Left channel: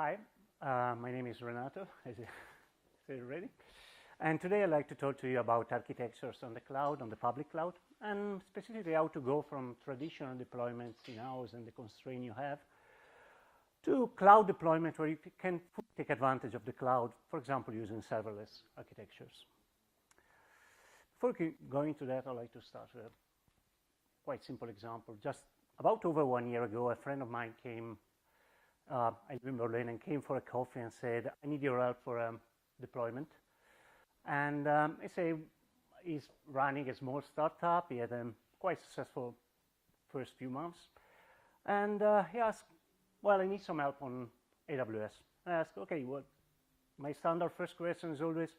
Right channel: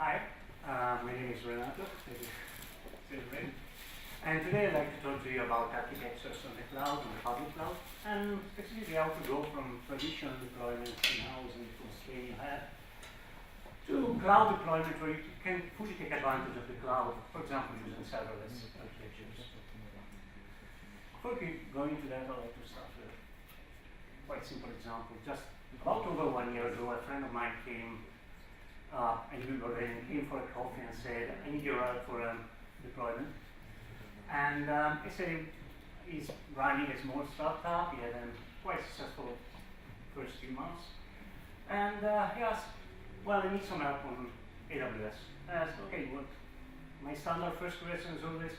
Hi, my name is Renato, and today I'd like to talk to you about architectures on the cloud, on the public cloud, and specifically how to go from traditional deployment in-house and the constraint you have to cloud deployment where you can fully take advantage of the cloud, for example, using serverless architectures. Before going into that, I'd like to start with a quite simple example. Just about over 1 year ago, a friend of mine came and came for a coffee and said, I need your help for deployment. And I said, he's running a small startup. He had a quite successful first few months. And he asked, well, I need some help on AWS. And I asked, okay, well, my standard first question is always,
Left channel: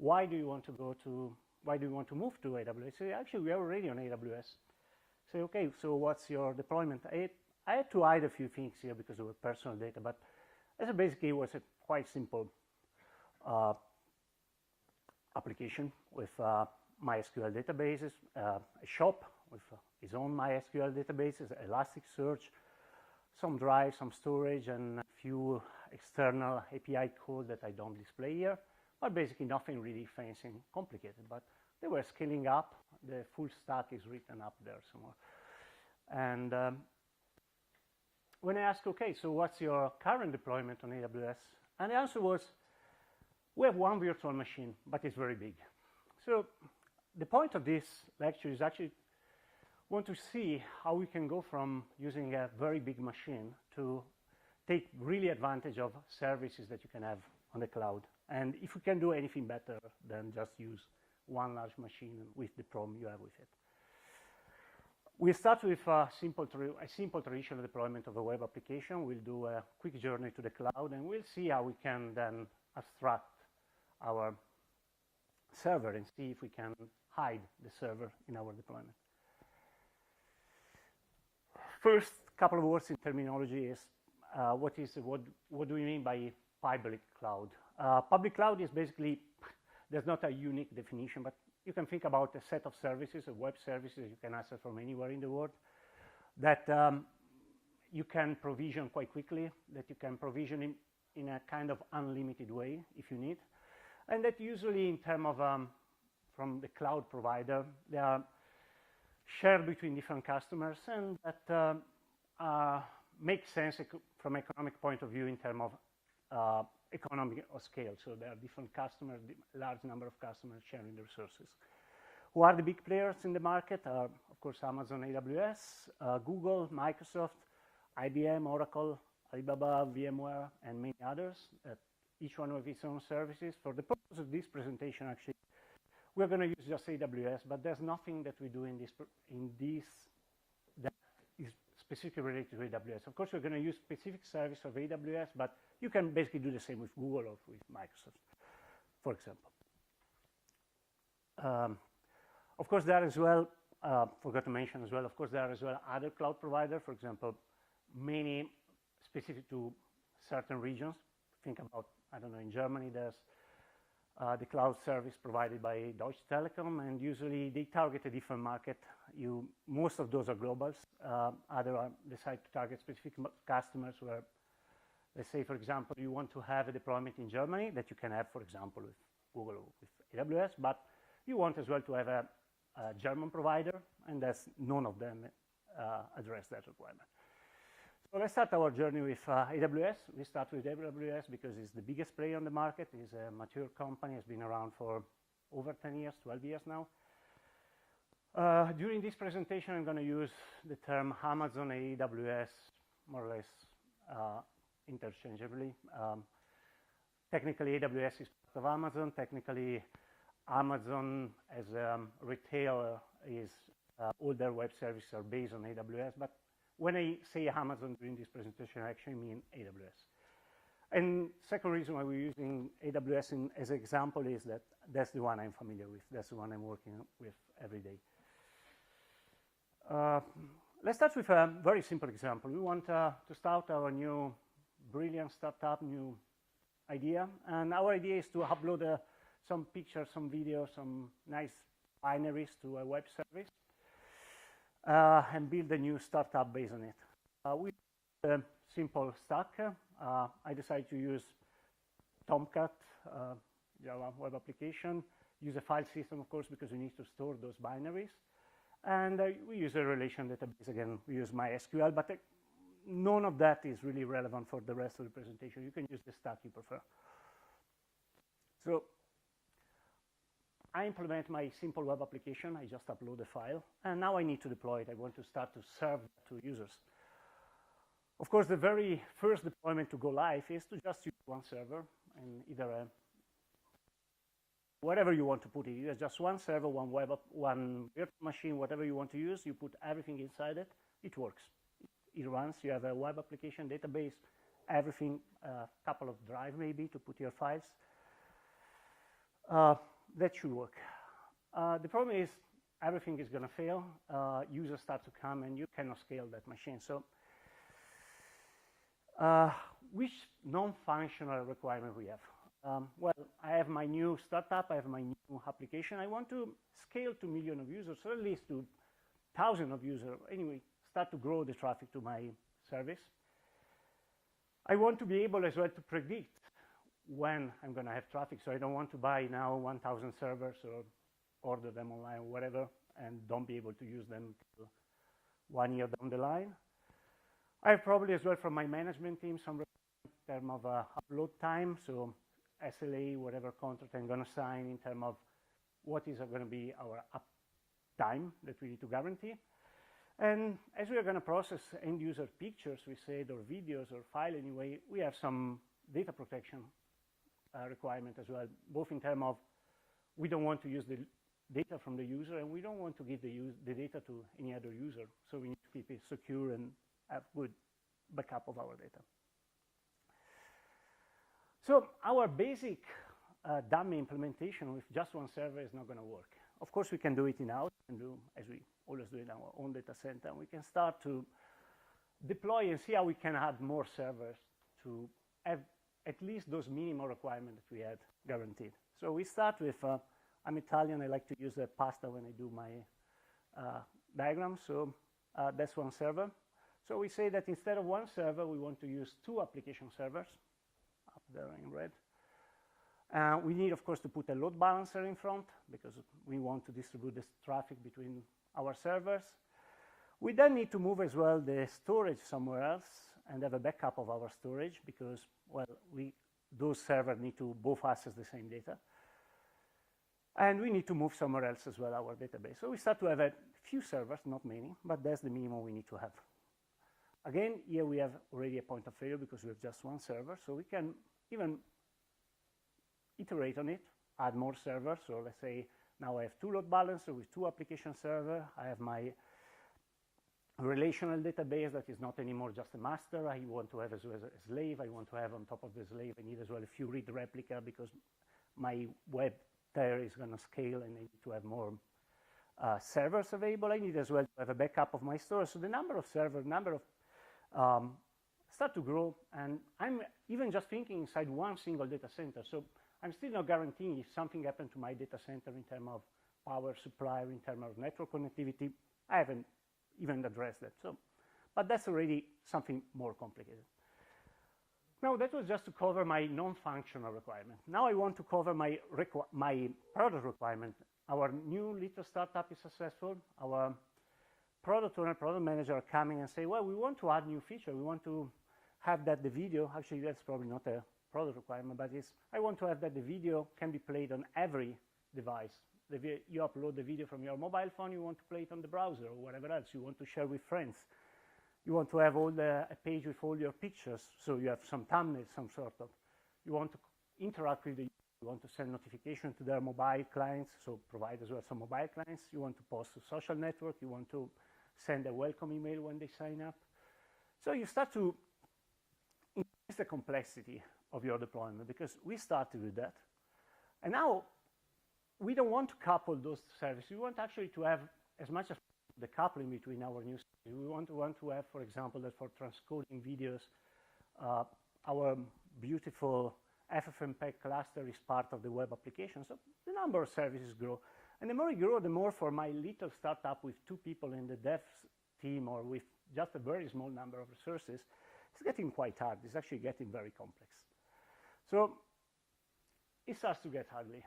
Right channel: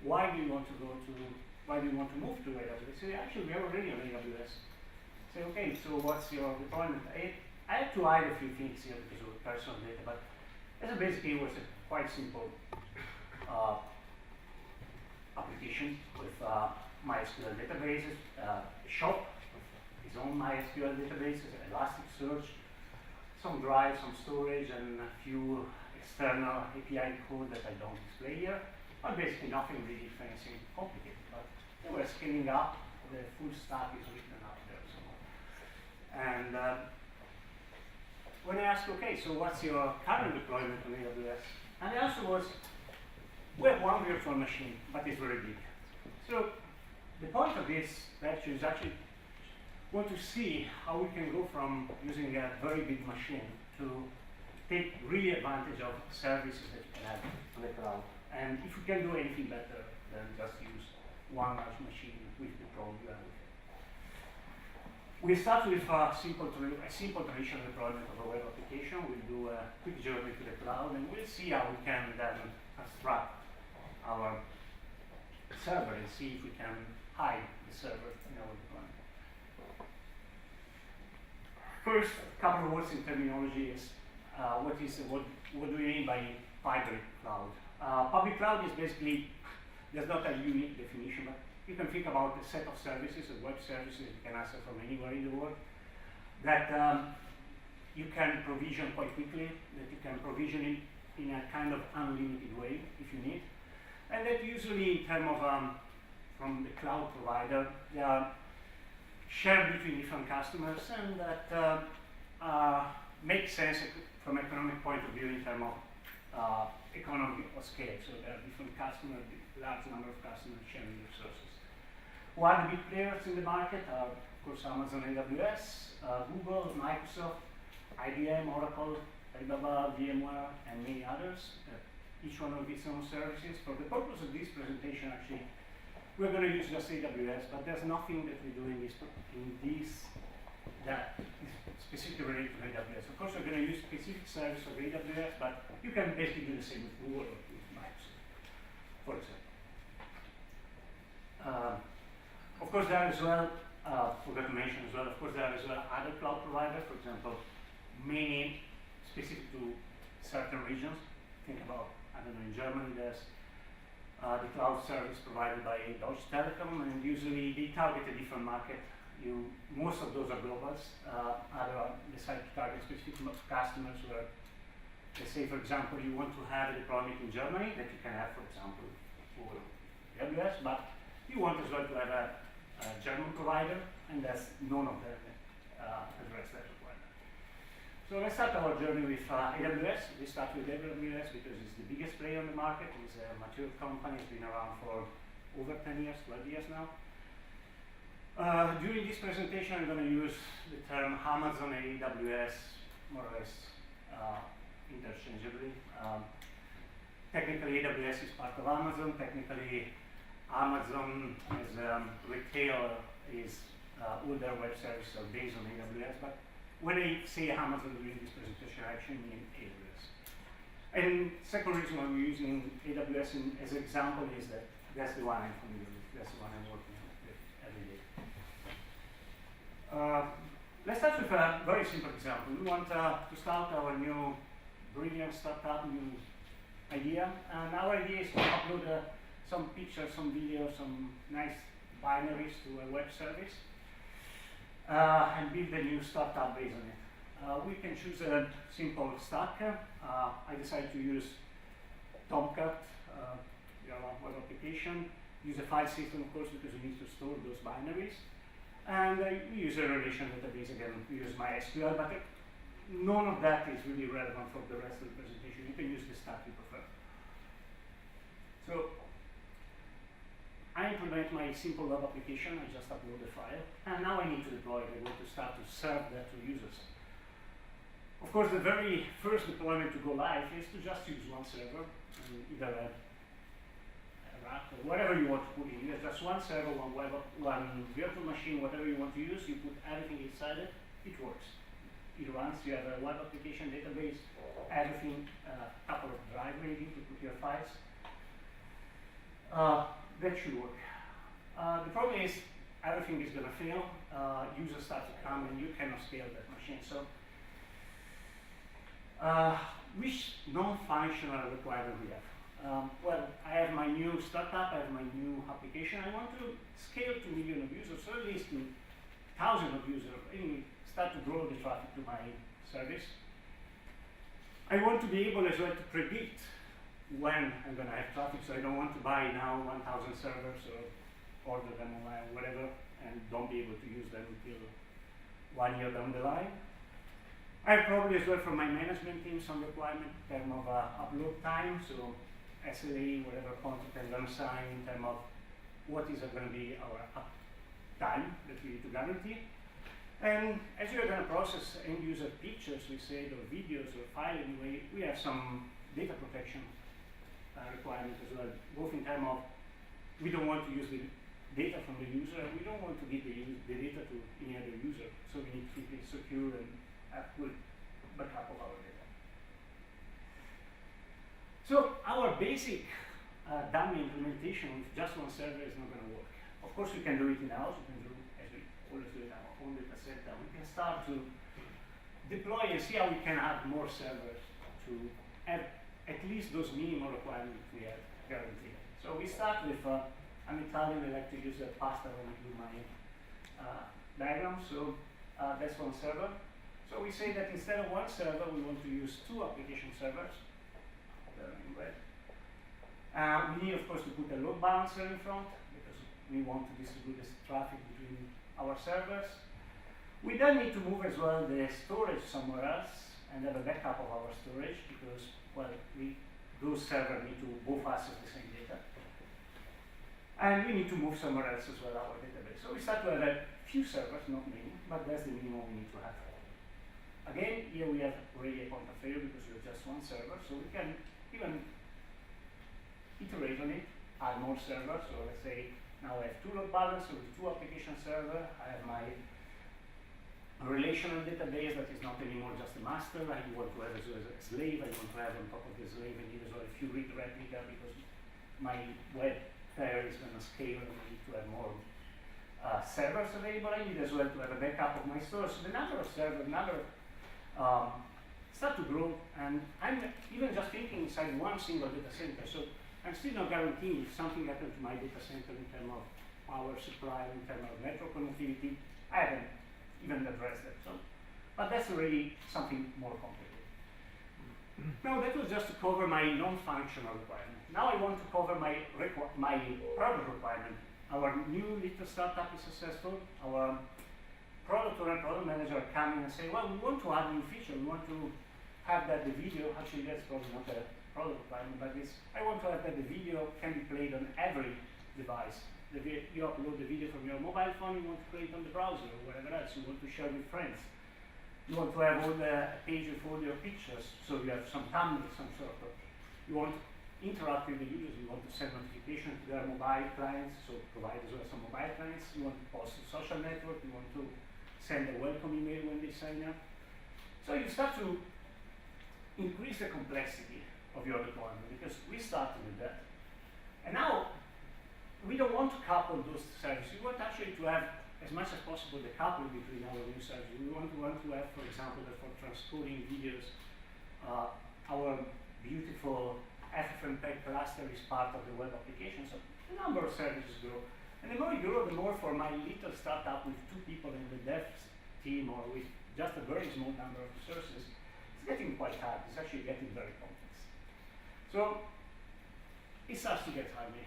why do you want to move to AWS? He said, actually, we are already on AWS. I said, okay, so what's your deployment? I had to hide a few things here because of personal data, but as a basically it was a quite simple application with MySQL databases, a shop with its own MySQL databases, Elasticsearch, some drive, some storage, and a few external API code that I don't display here, but basically nothing really fancy and complicated, but they were scaling up, the full stack is written up there somewhere. And when I asked, okay, so what's your current deployment on AWS? And the answer was, we have one virtual machine, but it's very big. So the point of this lecture is actually want to see how we can go from using a very big machine to take really advantage of services that you can have on the cloud. And if we can do anything better than just use one large machine with the problem you have with it. We start with a simple traditional deployment of a web application. We'll do a quick journey to the cloud, and we'll see how we can then abstract our server and see if we can hide the server in our deployment. First, a couple of words in terminology is what do we mean by hybrid cloud? Public cloud is basically, there's not a unique definition, but you can think about a set of services, a web services you can access from anywhere in the world, that you can provision quite quickly, that you can provision it in a kind of unlimited way if you need, and that usually in terms of, from the cloud provider, they are shared between different customers, and that make sense from an economic point of view in terms of economic scale. So there are different customers, large number of customers sharing resources. Who are the big players in the market? Of course, Amazon, AWS, Google, Microsoft, IBM, Oracle, Alibaba, VMware, and many others. Each one of its own services. For the purpose of this presentation, actually, we're going to use just AWS, but there's nothing that we do in this that is specifically related to AWS. Of course, we're going to use specific service of AWS, but you can basically do the same with Google or with Microsoft, for example. Of course, there are as well, forgot to mention as well, of course, there are as well other cloud providers, for example, many specific to certain regions. Think about, I don't know, in Germany there's the cloud service provided by Deutsche Telekom, and usually they target a different market. Most of those are globals. Other are decide to target specific customers where, let's say, for example, you want to have a deployment in Germany that you can have, for example, Google AWS, but you want as well to have a German provider, and that's none of them address that requirement. So let's start our journey with AWS. We start with AWS because it's the biggest player on the market. It's a mature company. It's been around for over 10 years, 12 years now. During this presentation, I'm going to use the term Amazon and AWS more or less interchangeably. Technically, AWS is part of Amazon. Technically, Amazon as a retailer is all their web services are based on AWS, but when I say Amazon during this presentation, I actually mean AWS. And second reason why we're using AWS as an example is that that's the one I'm familiar with, that's the one I'm working with every day. Let's start with a very simple example. We want to start our new brilliant startup, new idea, and our idea is to upload some pictures, some videos, some nice binaries to a web service, and build a new startup based on it. We can choose a simple stack. I decided to use Tomcat, Java web application. Use a file system, of course, because we need to store those binaries. And we use a relational database. Again, we use MySQL, but none of that is really relevant for the rest of the presentation. You can use the stack you prefer. So I implement my simple web application. I just upload the file. And now I need to deploy it. I want to start to serve that to users. Of course, the very first deployment to go live is to just use one server, either a rack or whatever you want to put in. Either just one server, one virtual machine, whatever you want to use. You put everything inside it. It works. It runs. You have a web application database, everything, a couple of drives maybe to put your files. That should work. The problem is everything is going to fail. Users start to come and you cannot scale that machine. So which non-functional requirement we have? Well, I have my new startup, I have my new application. I want to scale to millions of users, or at least to thousands of users, and start to grow the traffic to my service. I want to be able as well to predict when I'm going to have traffic, so I don't want to buy now 1,000 servers or order them online, whatever, and don't be able to use them until 1 year down the line. I have probably as well for my management team some requirement in terms of upload time, so SLA, whatever content I'm going to sign in terms of what is going to be our time that we need to guarantee. And as we are going to process end user pictures, we say, or videos or file anyway, we have some data protection requirement as well, both in terms of we don't want to use the data from the user and we don't want to give the data to any other user, so we need to keep it secure and have good backup of our data. So our basic dummy implementation with just one server is not going to work. Of course, we can do it in-house. We can do, as we always do in our own data center. We can start to deploy and see how we can add more servers to have at least those minimum requirements we have guaranteed. So we start with, I'm Italian, I like to use a pasta when I do my diagram. So that's one server. So we say that instead of one server, we want to use 2 application servers. There in red. We need, of course, to put a load balancer in front because we want to distribute this traffic between our servers. We then need to move as well the storage somewhere else and have a backup of our storage because, well, those servers need to both access the same data. And we need to move somewhere else as well our database. So we start to have a few servers, not many, but that's the minimum we need to have. Again, here we have really a point of failure because we have just one server, so we can even iterate on it, add more servers. So let's say now I have 2 load balancers with 2 application servers. I have my relational database that is not anymore just a master. I want to have as well as a slave. I want to have on top of the slave I need as well a few read replica because my web there is going to scale and I need to have more servers available. I need as well to have a backup of my store. So the number of servers, start to grow, and I'm even just thinking inside one single data center. So I'm still not guaranteeing if something happens to my data center in terms of power supply, in terms of network connectivity. I haven't even addressed that. So, but that's already something more complicated. Now that was just to cover my non-functional requirement. Now I want to cover my product requirement. Our new little startup is successful. Our product owner, product manager come in and say, well, we want to add new feature. We want to have that the video, actually that's probably not a product requirement, but I want to have that the video can be played on every device. You upload the video from your mobile phone, you want to play it on the browser or whatever else. You want to share with friends. You want to have all the page with all your pictures, so you have some thumbnails, some sort of. You want to interact with the users. You want to send notifications to their mobile clients, so provide as well some mobile clients. You want to post to social network. You want to send a welcome email when they sign up. So you start to increase the complexity of your deployment because we started with that. And now we don't want to couple those services. We want actually to have as much as possible the coupling between our new services. We want to have, for example, that for transcoding videos, our beautiful FFmpeg cluster is part of the web application. So the number of services grow. And the more you grow, the more for my little startup with 2 people in the dev team or with just a very small number of resources, it's getting quite hard. It's actually getting very complex. So it starts to get ugly.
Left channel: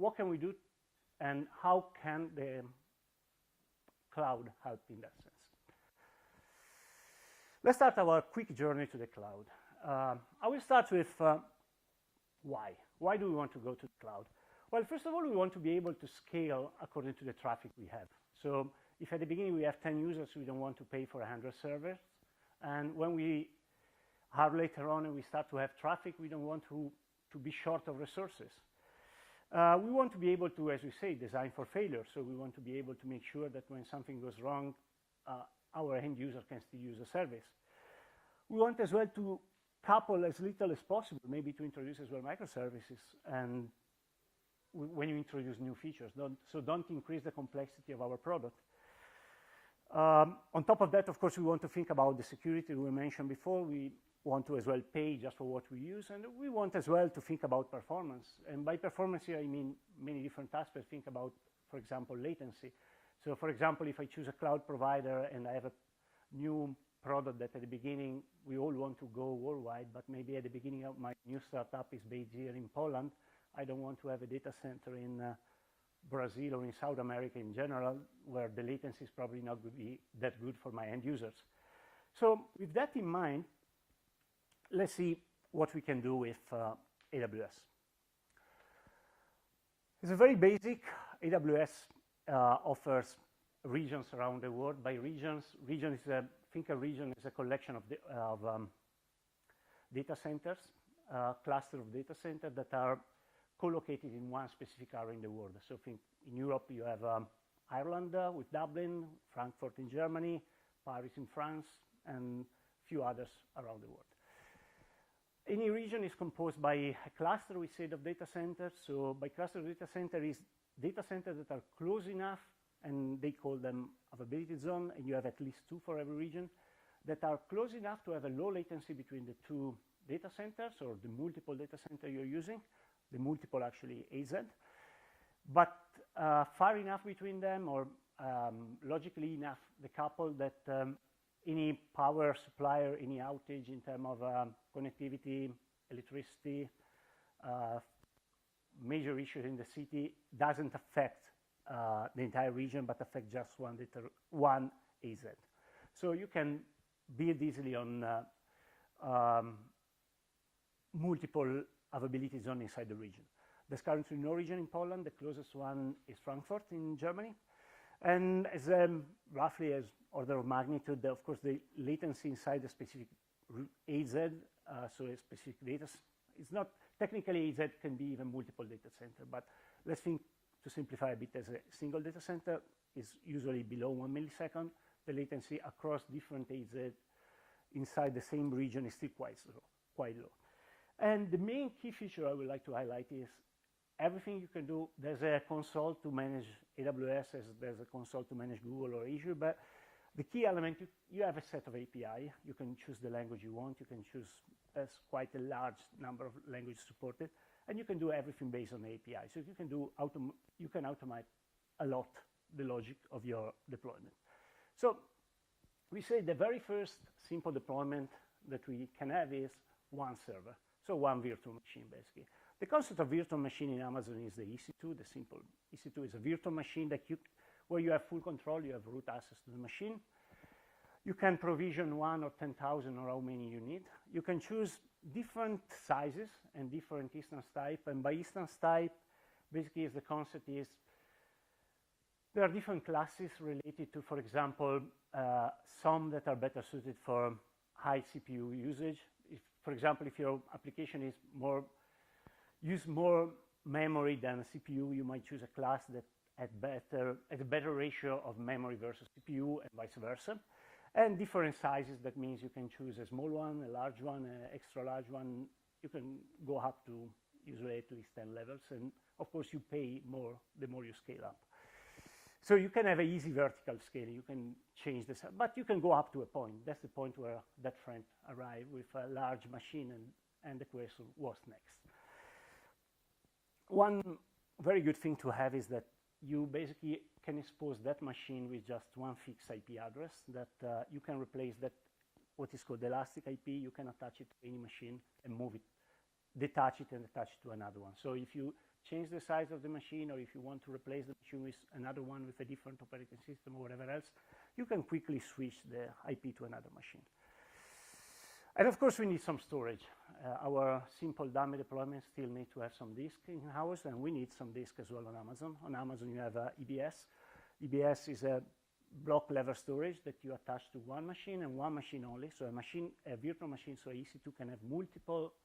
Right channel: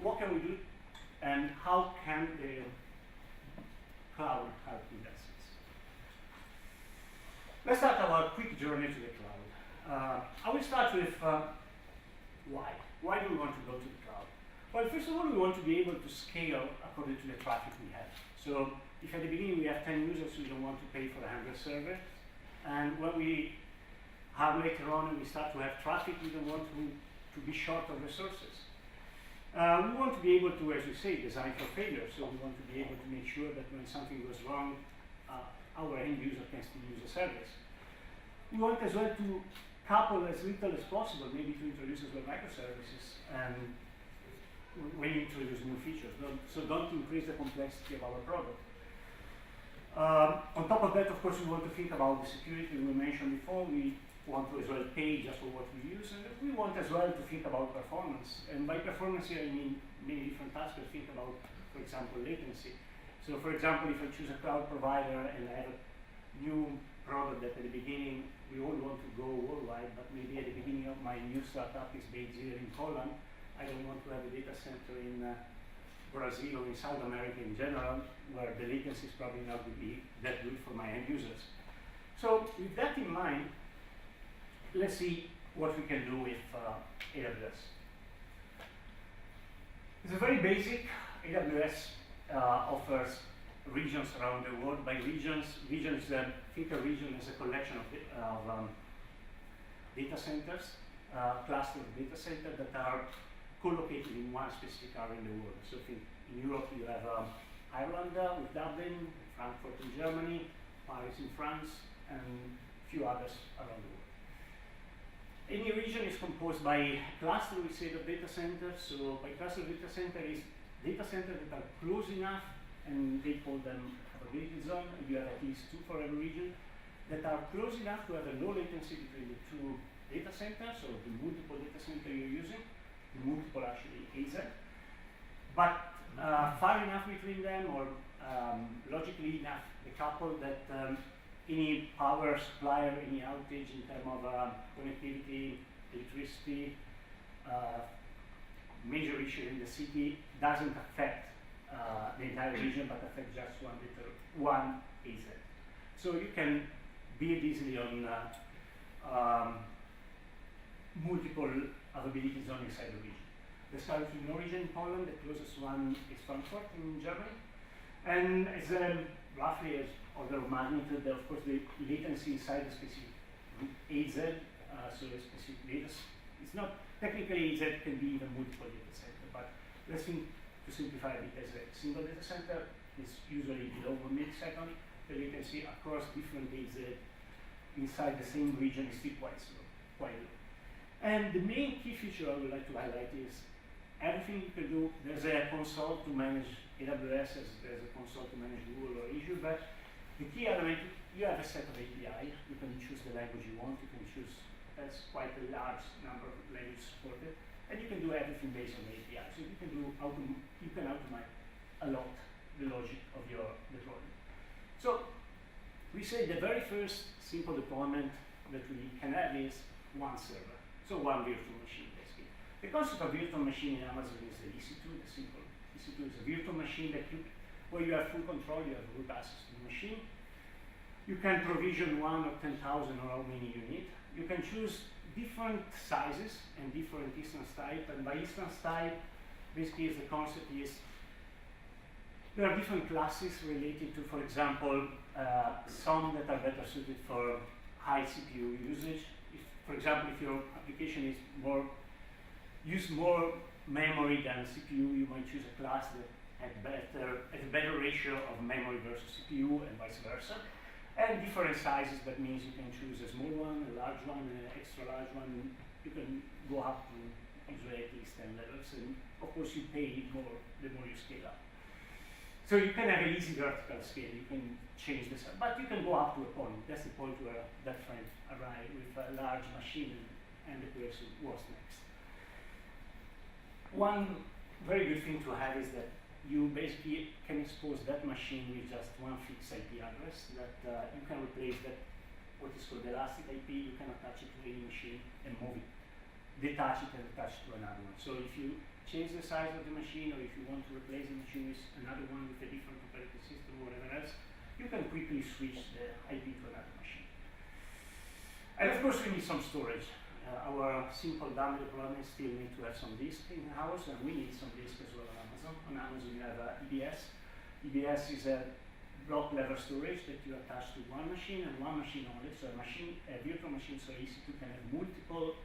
What can we do, and how can the cloud help in that sense? Let's start our quick journey to the cloud. I will start with why. Why do we want to go to the cloud? Well, first of all, we want to be able to scale according to the traffic we have. So if at the beginning we have 10 users, we don't want to pay for 100 servers. And when we have later on and we start to have traffic, we don't want to be short of resources. We want to be able to, as you say, design for failure. So we want to be able to make sure that when something goes wrong, our end user can still use the service. We want as well to couple as little as possible, maybe to introduce as well microservices and when you introduce new features. So don't increase the complexity of our product. On top of that, of course, we want to think about the security we mentioned before. We want to as well pay just for what we use, and we want as well to think about performance. And by performance here, I mean many different aspects. Think about, for example, latency. So for example, if I choose a cloud provider and I have a new product that at the beginning we all want to go worldwide, but maybe at the beginning of my new startup is based here in Poland, I don't want to have a data center in Brazil or in South America in general, where the latency is probably not going to be that good for my end users. So with that in mind, let's see what we can do with AWS. It's a very basic. AWS offers regions around the world. By regions, think a region is a collection of data centers, cluster of data centers that are co-located in one specific area in the world. So think in Europe you have Ireland with Dublin, Frankfurt in Germany, Paris in France, and a few others around the world. Any region is composed by a cluster, we say, of data centers. So by cluster of data center is data centers that are close enough, and they call them availability zone, and you have at least two for every region, that are close enough to have a low latency between the two data centers, or the multiple data center you're using, the multiple actually AZ, but far enough between them, or logically enough, the couple that any power supplier, any outage in terms of connectivity, electricity, major issue in the city doesn't affect the entire region, but affect just one AZ. So you can build easily on multiple availability zones inside the region. There's currently no region in Poland. The closest one is Frankfurt in Germany. And as roughly as order of magnitude, of course, the latency inside a specific AZ, so a specific data, it's not, technically AZ can be even multiple data center, but let's think to simplify a bit as a single data center is usually below 1 millisecond. The latency across different AZ inside the same region is still quite slow, quite low. And the main key feature I would like to highlight is everything you can do. There's a console to manage AWS, there's a console to manage Google or Azure, but the key element, you have a set of API. You can choose the language you want. You can choose, that's quite a large number of languages supported, and you can do everything based on the API. So you can automate a lot the logic of your deployment. So we say the very first simple deployment that we can have is one server, so one virtual machine basically. The concept of virtual machine in Amazon is the EC2, the simple. EC2 is a virtual machine where you have full control, you have root access to the machine. You can provision 1 or 10,000 or how many you need. You can choose different sizes and different instance type, and by instance type, basically the concept is there are different classes related to, for example, some that are better suited for high CPU usage. For example, if your application is use more memory than a CPU, you might choose a class that has a better ratio of memory versus CPU and vice versa. And different sizes, that means you can choose a small one, a large one, an extra large one. And you can go up to usually at least 10 levels, and of course you pay more the more you scale up. So you can have an easy vertical scale, you can change this, but you can go up to a point. That's the point where that friend arrived with a large machine and the question, what's next? One very good thing to have is that you basically can expose that machine with just one fixed IP address that you can replace that, what is called elastic IP. You can attach it to any machine and move it, detach it and attach it to another one. So if you change the size of the machine, or if you want to replace the machine with another one with a different operating system or whatever else, you can quickly switch the IP to another machine. And of course we need some storage. Our simple dummy deployment still need to have some disk in-house, and we need some disk as well on Amazon. On Amazon we have EBS. EBS is a block level storage that you attach to one machine and one machine only. So a virtual machine, so EC2 can have multiple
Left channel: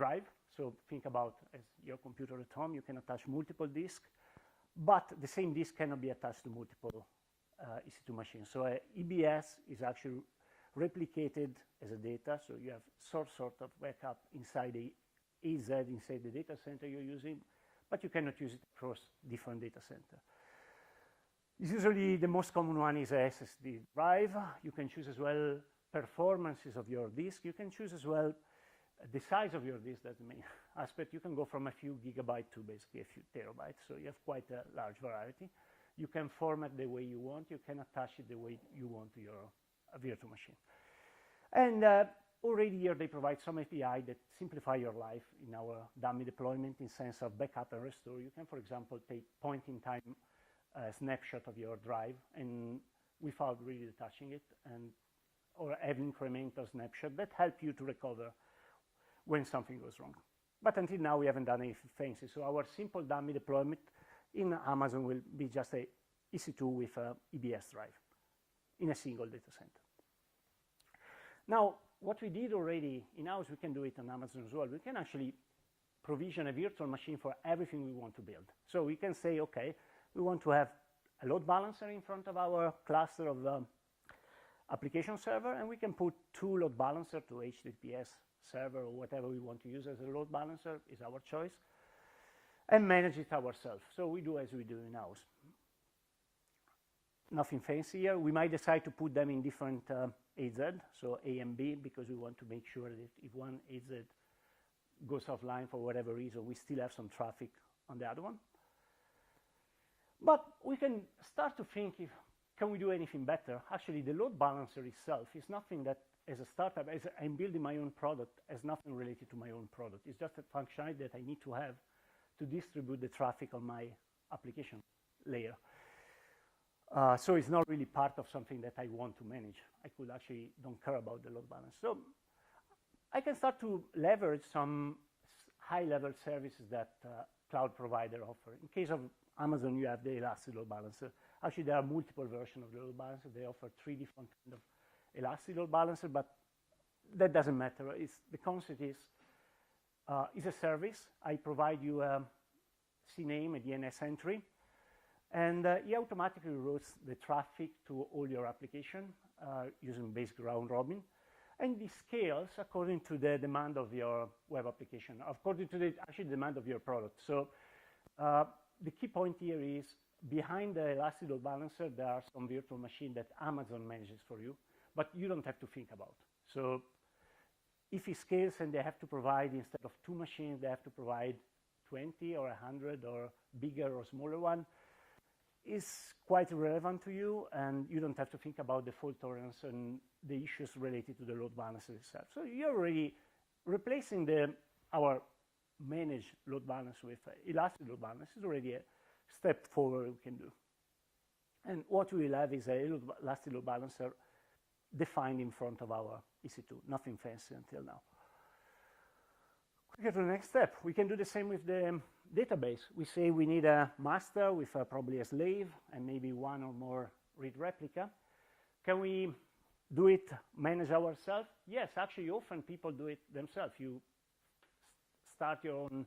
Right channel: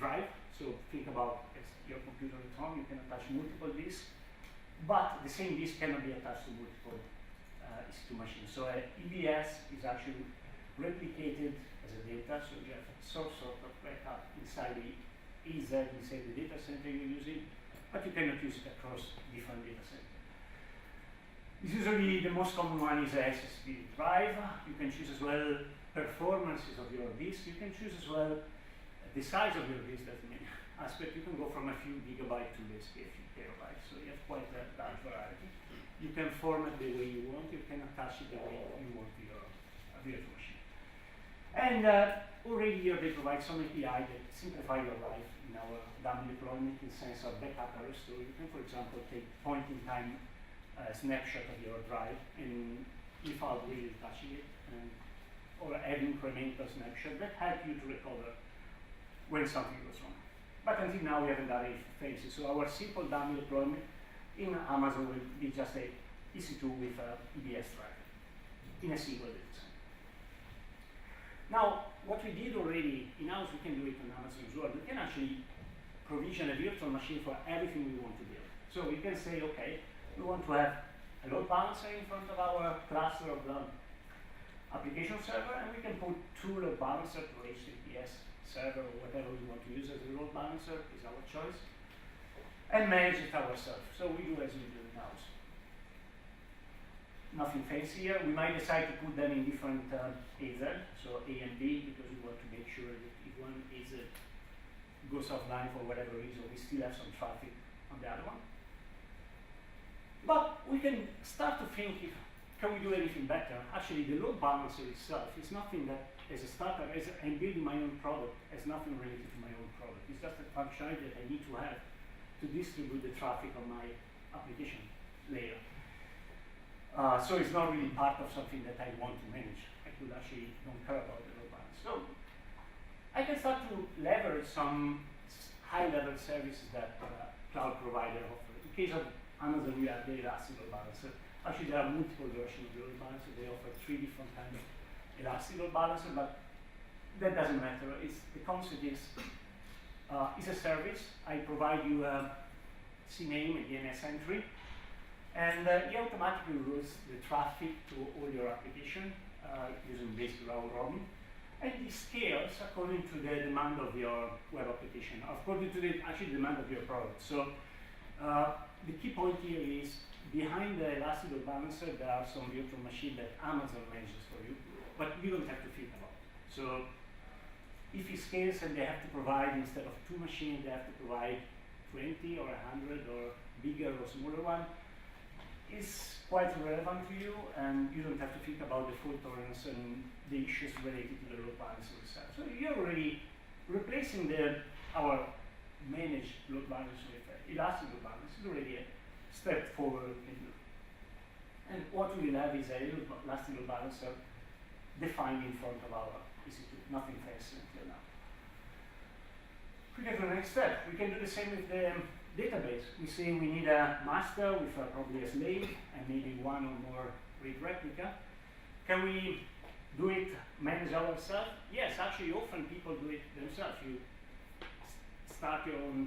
drive. So think about your computer at home, you can attach multiple disks, but the same disk cannot be attached to multiple EC2 machines. So EBS is actually replicated as a data, so you have sort of backup inside the EZ, inside the data center you're using, but you cannot use it across different data centers. Usually the most common one is a SSD drive. You can choose as well performances of your disk. You can choose as well the size of your disk. That's the main aspect. You can go from a few gigabytes to basically a few terabytes, so you have quite a large variety. You can format the way you want. You can attach it the way you want to your virtual machine. And already here they provide some API that simplify your life in our dummy deployment in the sense of backup and restore. You can, for example, take point-in-time snapshot of your drive and without really touching it, or add incremental snapshot that help you to recover when something goes wrong. But until now we haven't done anything fancy. So our simple dummy deployment in Amazon will be just a EC2 with a EBS drive in a single data center. Now, what we did already in-house, we can do it on Amazon as well. We can actually provision a virtual machine for everything we want to build. So we can say, okay, we want to have a load balancer in front of our cluster of application server, and we can put two load balancers to HTTPS server or whatever we want to use as a load balancer, is our choice, and manage it ourselves. So we do as we do in-house. Nothing fancy here. We might decide to put them in different AZ, so A and B, because we want to make sure that if one AZ goes offline for whatever reason, we still have some traffic on the other one. But we can start to think, can we do anything better? Actually, the load balancer itself is nothing that, as a startup, as I'm building my own product, has nothing related to my own product. It's just a functionality that I need to have to distribute the traffic on my application layer. So it's not really part of something that I want to manage. I could actually don't care about the load balance. So I can start to leverage some high-level services that cloud provider offer. In case of Amazon, you have the Elastic Load Balancer. Actually, there are multiple versions of the load balancer. They offer 3 different kinds of Elastic Load Balancer, but that doesn't matter. The concept is a service. I provide you a CNAME, a DNS entry, and he automatically routes the traffic to all your application using basic round robin. And it scales according to the demand of your web application, according to the actual demand of your product. So the key point here is, behind the Elastic Load Balancer, there are some virtual machines that Amazon manages for you, but you don't have to think about it. So if it scales and they have to provide, instead of 2 machines, they have to provide 20 or 100 or bigger or smaller one, is quite relevant to you, and you don't have to think about the fault tolerance and the issues related to the load balancer itself. So you're already replacing our managed load balancer with Elastic Load Balancer is already a step forward we can do. And what we will have is a Elastic Load Balancer defined in front of our EC2, nothing fancy until now. We get to the next step. We can do the same with the database. We say we need a master with probably a slave and maybe one or more read replica. Can we do it, manage ourselves? Yes, actually often people do it themselves. You start your own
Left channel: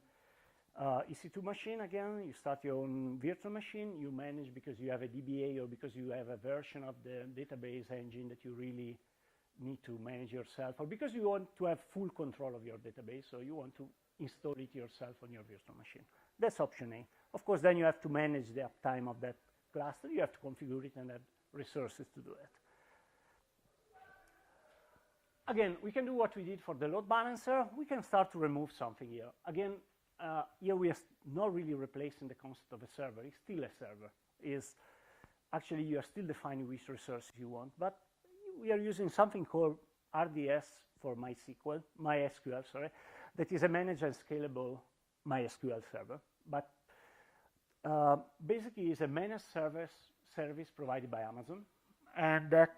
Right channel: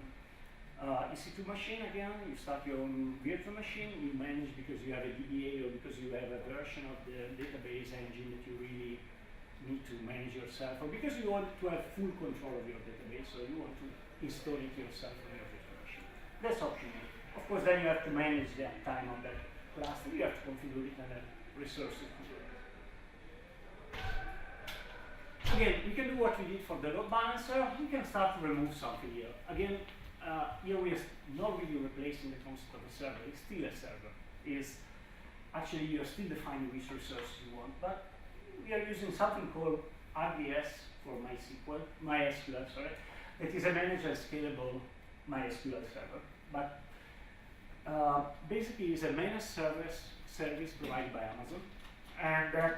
EC2 machine again, you start your own virtual machine, you manage because you have a DBA or because you have a version of the database engine that you really need to manage yourself, or because you want to have full control of your database, so you want to install it yourself on your virtual machine. That's optional. Of course, then you have to manage the time of that cluster. You have to configure it and have resources to do it. Again, we can do what we did for the load balancer. We can start to remove something here. Again, here we are not really replacing the concept of a server. It's still a server. It's actually, you are still defining which resource you want, but we are using something called RDS for MySQL, sorry, that is a managed and scalable MySQL server. But basically, it's a managed service provided by Amazon, and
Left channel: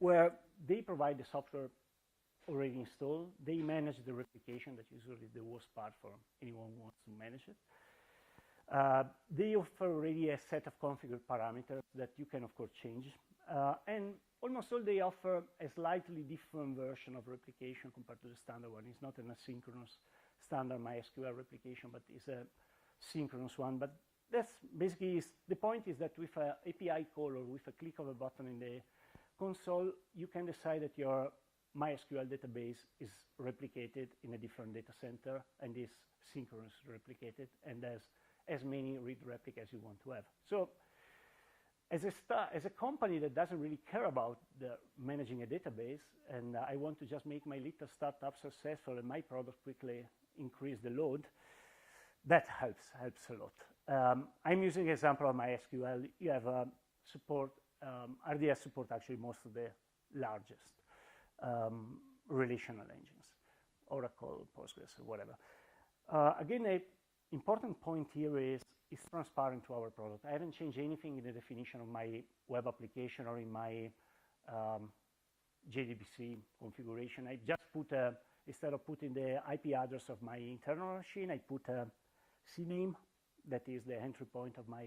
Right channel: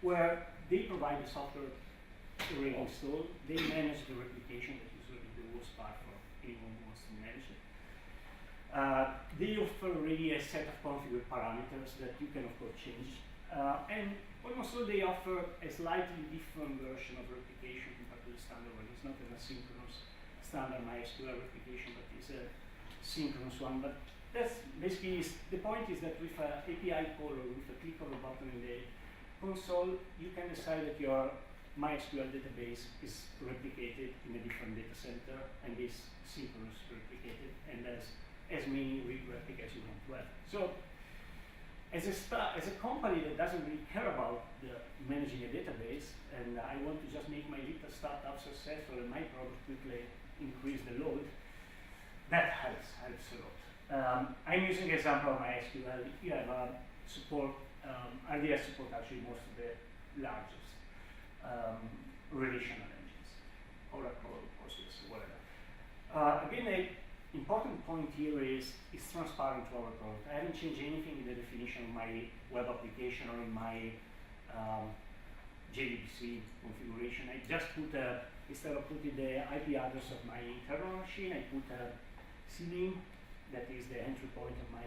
where they provide the software already installed. They manage the replication, that is really the worst part for anyone who wants to manage it. They offer already a set of configured parameters that you can of course change. And also they offer a slightly different version of replication compared to the standard one. It's not an asynchronous standard MySQL replication, but it's a synchronous one. But that's basically, the point is that with an API call or with a click of a button in the console, you can decide that your MySQL database is replicated in a different data center and is synchronous replicated, and as many read replicas as you want to have. So, as a company that doesn't really care about managing a database, and I want to just make my little startup successful and my product quickly increase the load, that helps a lot. I'm using an example of MySQL. You have support, RDS support actually most of the largest relational engines, Oracle, Postgres, whatever. Again, an important point here is it's transparent to our product. I haven't changed anything in the definition of my web application or in my JDBC configuration. I just put, instead of putting the IP address of my internal machine, I put a CNAME, that is the entry point of my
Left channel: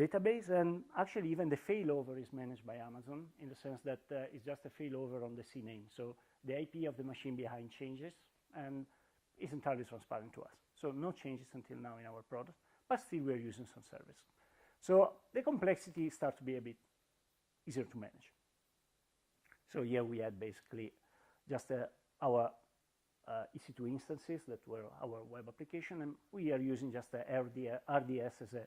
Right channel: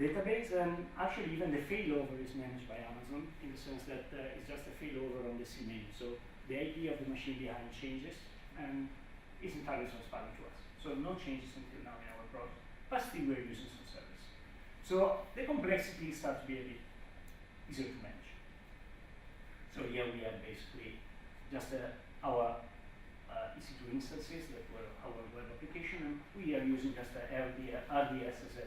database, and actually even the failover is managed by Amazon in the sense that it's just a failover on the CNAME. So the IP of the machine behind changes, and it's entirely transparent to us. So no changes until now in our product, but still we're using some service. So the complexity starts to be a bit easier to manage. So here we have basically just our EC2 instances that were our web application, and we are using just RDS as a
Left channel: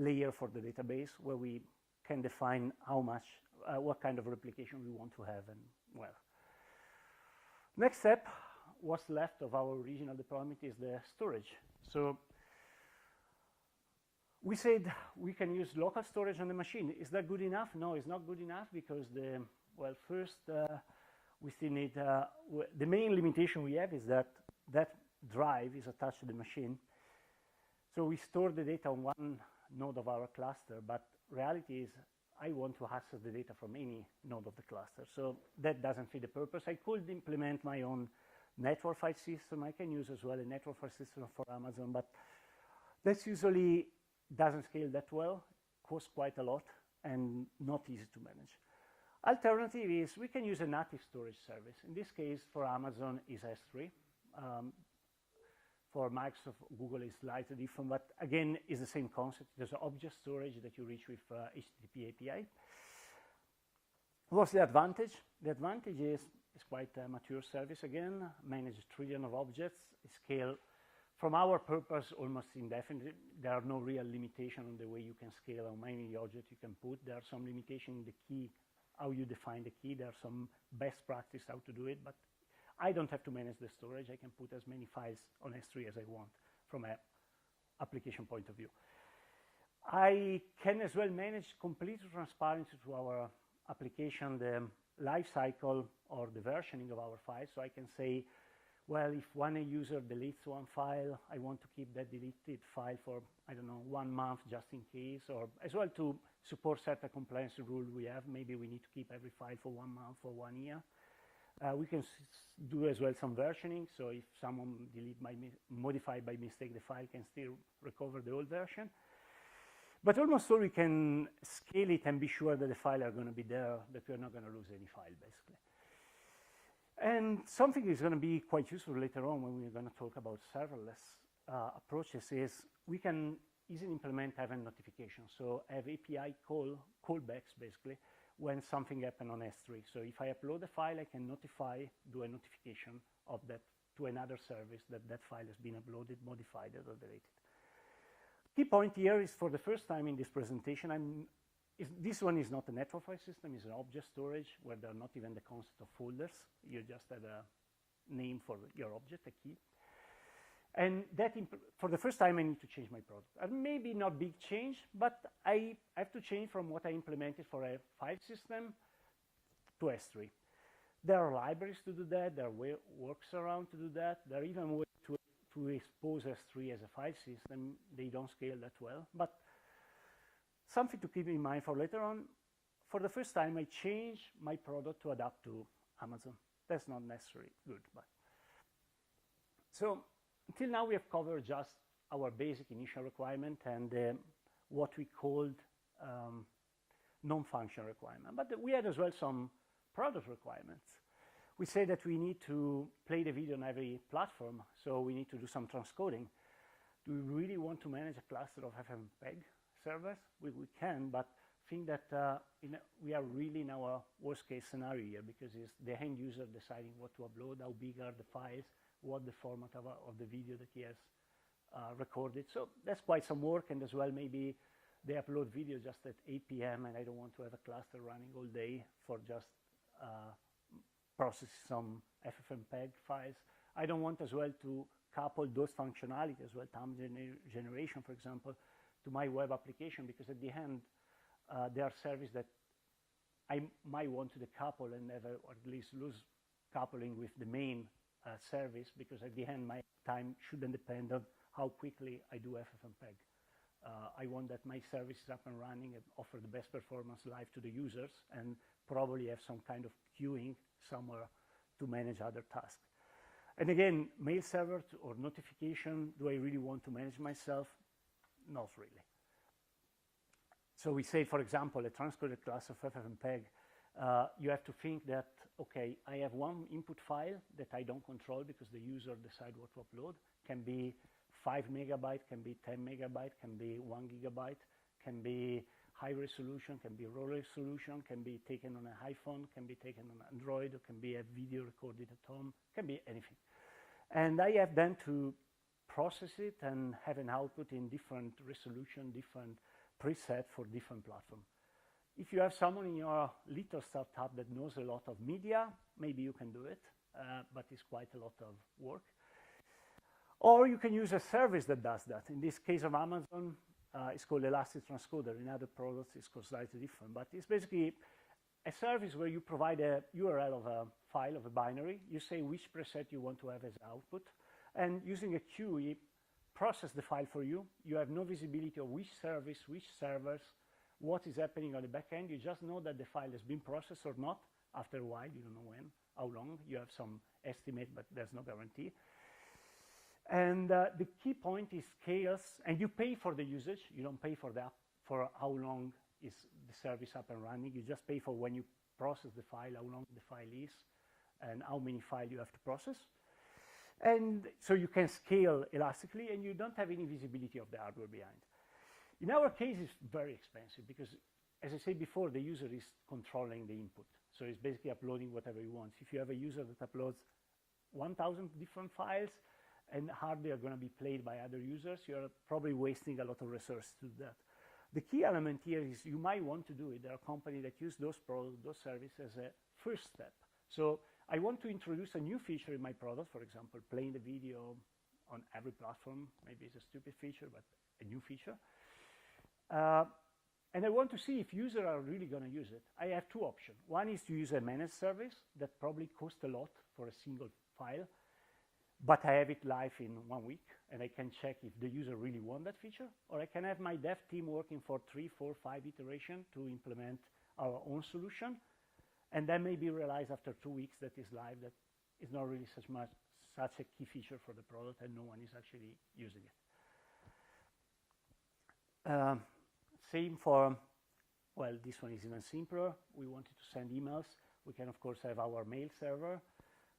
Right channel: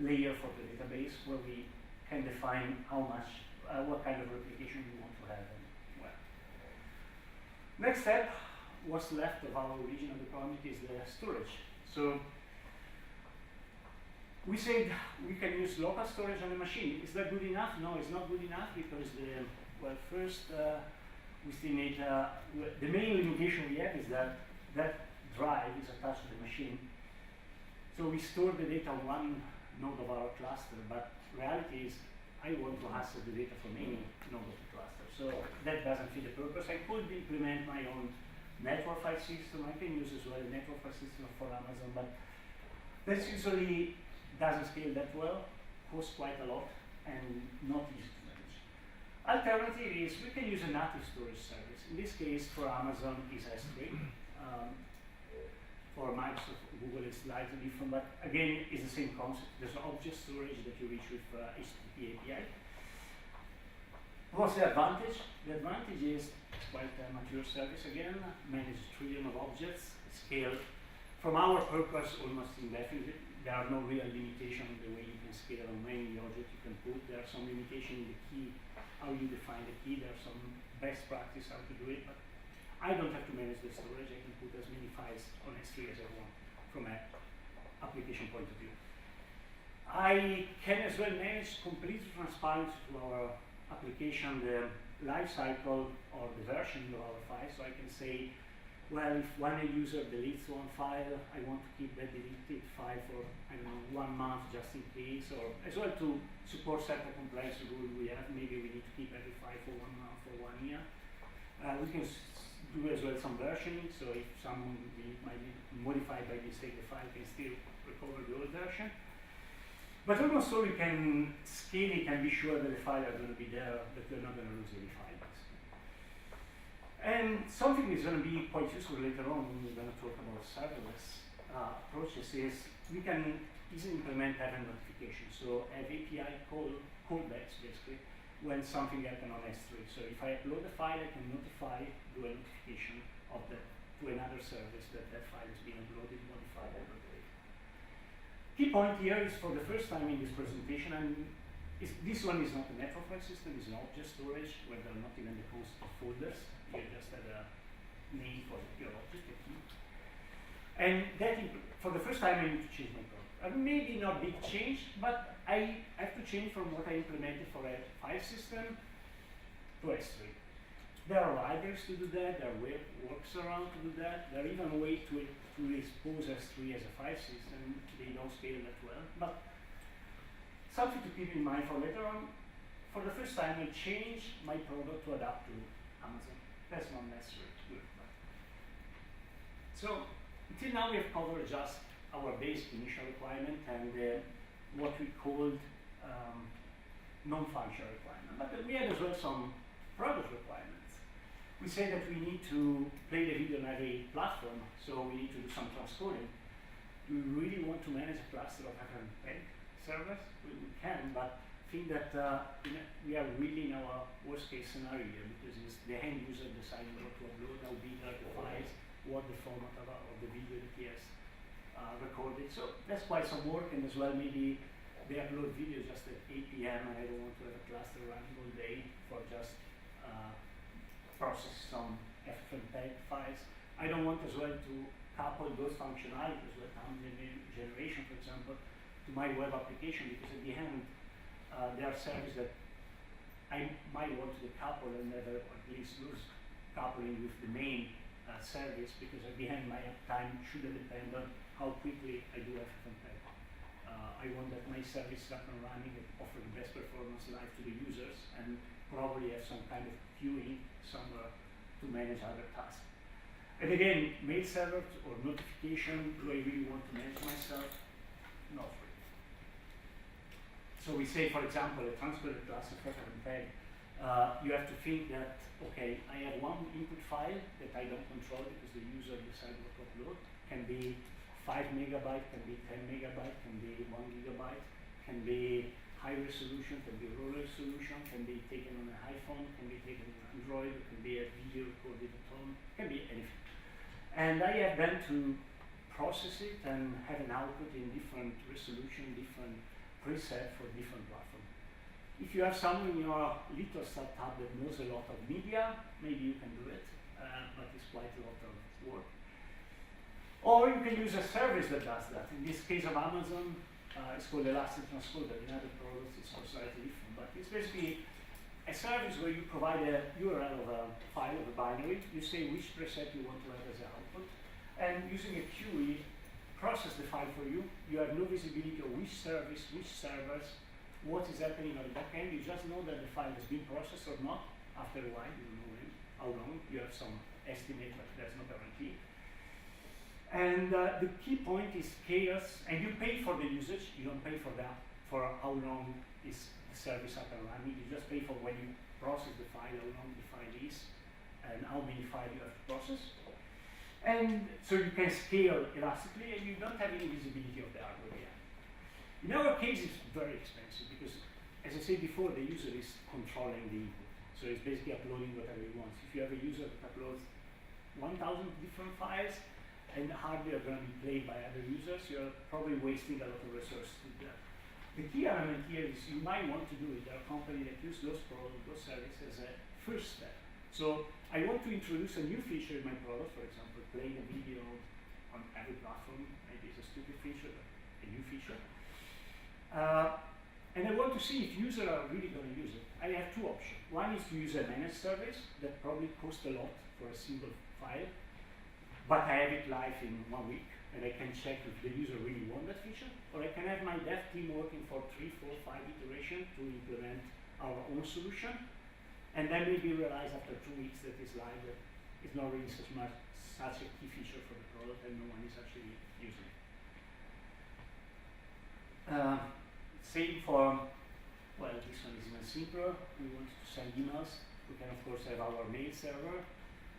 layer for the database where we can define how much, what kind of replication we want to have. And well, next step, what's left of our original deployment is the storage. So we said we can use local storage on the machine. Is that good enough? No, it's not good enough because first we still need, the main limitation we have is that that drive is attached to the machine. So we store the data on one node of our cluster, but reality is I want to access the data from any node of the cluster. So that doesn't fit the purpose. I could implement my own network file system. I can use as well a network file system for Amazon, but that usually doesn't scale that well, costs quite a lot, and not easy to manage. Alternative is we can use a native storage service. In this case, for Amazon is S3. For Microsoft, Google is slightly different, but again, it's the same concept. There's object storage that you reach with HTTP API. What's the advantage? The advantage is it's quite a mature service again, manages trillion of objects, scaled from our purpose almost indefinitely. There are no real limitations in the way you can scale how many objects you can put. There are some limitations in the key, how you define the key. There are some best practice how to do it, but I don't have to manage the storage. I can put as many files on S3 as I want from an application point of view. I can as well manage completely transparent to our application the life cycle or the version of our file. So I can say, well, if one user deletes one file, I want to keep that deleted file for, I don't know, 1 month just in case, or as well to support certain compliance rules we have. Maybe we need to keep every file for 1 month or 1 year. We can do as well some versioning, so if someone might modify by mistake the file, can still recover the old version. But almost so we can scale it and be sure that the files are going to be there, that we're not going to lose any file, basically. And something that's going to be quite useful later on when we're going to talk about serverless approaches is we can easily implement event notification. So have API callbacks, basically, when something happens on S3. So if I upload a file, I can do a notification of that to another service that that file has been uploaded, modified, and updated. Key point here is for the first time in this presentation, and this one is not a network file system, it's an object storage where there are not even the concept of folders. You just have a name for your object, a key. And that, for the first time, I need to change my code. Maybe not big change, but I have to change from what I implemented for a file system to S3. There are libraries to do that, there are works around to do that, there are even a way to expose S3 as a file system. They don't scale that well, but something to keep in mind for later on. For the first time, I changed my product to adapt to Amazon. That's not necessary to do it. So, until now we have covered just our basic initial requirement and what we called non-functional requirement. But we had as well some product requirements. We say that we need to play the video on every platform, so we need to do some transcoding. Do we really want to manage a cluster of FFmpeg servers? We can, but I think that we are really in our worst case scenario here, because it's the end user deciding what to upload, how big are the files, what the format of the video that he has recorded. So that's quite some work, and as well maybe they upload video just at 8 p.m. and I don't want to have a cluster running all day for just process some FFmpeg files. I don't want as well to couple those functionalities, like thumbnail generation, for example, to my web application, because at the end there are services that I might want to couple and never at least lose coupling with the main service, because at the end my uptime shouldn't depend on how quickly I do FFmpeg. I want that my service is up and running and offer the best performance live to the users, and probably have some kind of queuing somewhere to manage other tasks. And again, mail server or notification, do I really want to manage myself? Not really. So we say, for example, a transported class of FFmpeg, you have to think that, okay, I have one input file that I don't control because the user decides what to upload. Can be 5 megabyte, can be 10 megabyte, can be 1 gigabyte, can be high resolution, can be low resolution, can be taken on an iPhone, can be taken on Android, can be a video recorded at home, can be anything. And I have then to process it and have an output in different resolution, different preset for different platforms. If you have someone in your little startup that knows a lot of media, maybe you can do it, but it's quite a lot of work. Or you can use a service that does that. In this case of Amazon, it's called Elastic Transcoder. In other products, it's slightly different. But it's basically a service where you provide a URL of a file, of a binary. You say which preset you want to have as output. And using a queue, it processes the file for you. You have no visibility of which service, which servers, what is happening on the back end. You just know that the file has been processed or not. After a while, you don't know when, how long. You have some estimate, but there's no guarantee. And the key point is chaos, and you pay for the usage. You don't pay for that, for how long is the service up and running. You just pay for when you process the file, how long the file is, and how many files you have to process. And so you can scale elastically, and you don't have any visibility of the hardware behind. In our case, it's very expensive because, as I said before, the user is controlling the input. So it's basically uploading whatever he wants. If you have a user that uploads 1,000 different files, and hardly are going to be played by other users, you're probably wasting a lot of resources to do that. The key element here is you might want to do it. There are companies that use those products, those services as a first step. So I want to introduce a new feature in my product, for example, playing a video on every platform. Maybe it's a stupid feature, but a new feature. And I want to see if users are really going to use it. I have two options. One is to use a managed service that probably costs a lot for a single file, but I have it live in 1 week, and I can check if the user really wants that feature. Or I can have my dev team working for 3, 4, 5 iterations to implement our own solution, and then maybe realize after 2 weeks that it's live that it's not really such a key feature for the product, and no one is actually using it. Same for, well, this one is even simpler. We want to send emails. We can, of course, have our mail server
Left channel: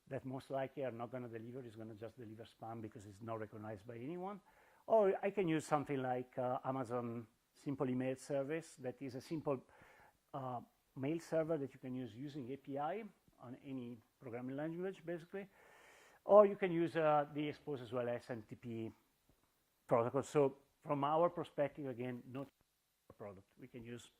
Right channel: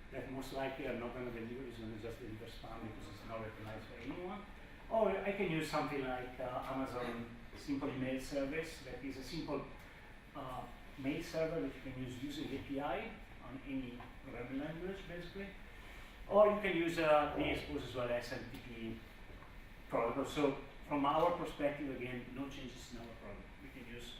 that most likely are not going to deliver. It's going to just deliver spam because it's not recognized by anyone. Or I can use something like Amazon Simple Email Service that is a simple mail server that you can use using API on any programming language, basically. Or you can use PXPOS as well as SMTP protocol. So from our perspective, again, no changes in our product. We can use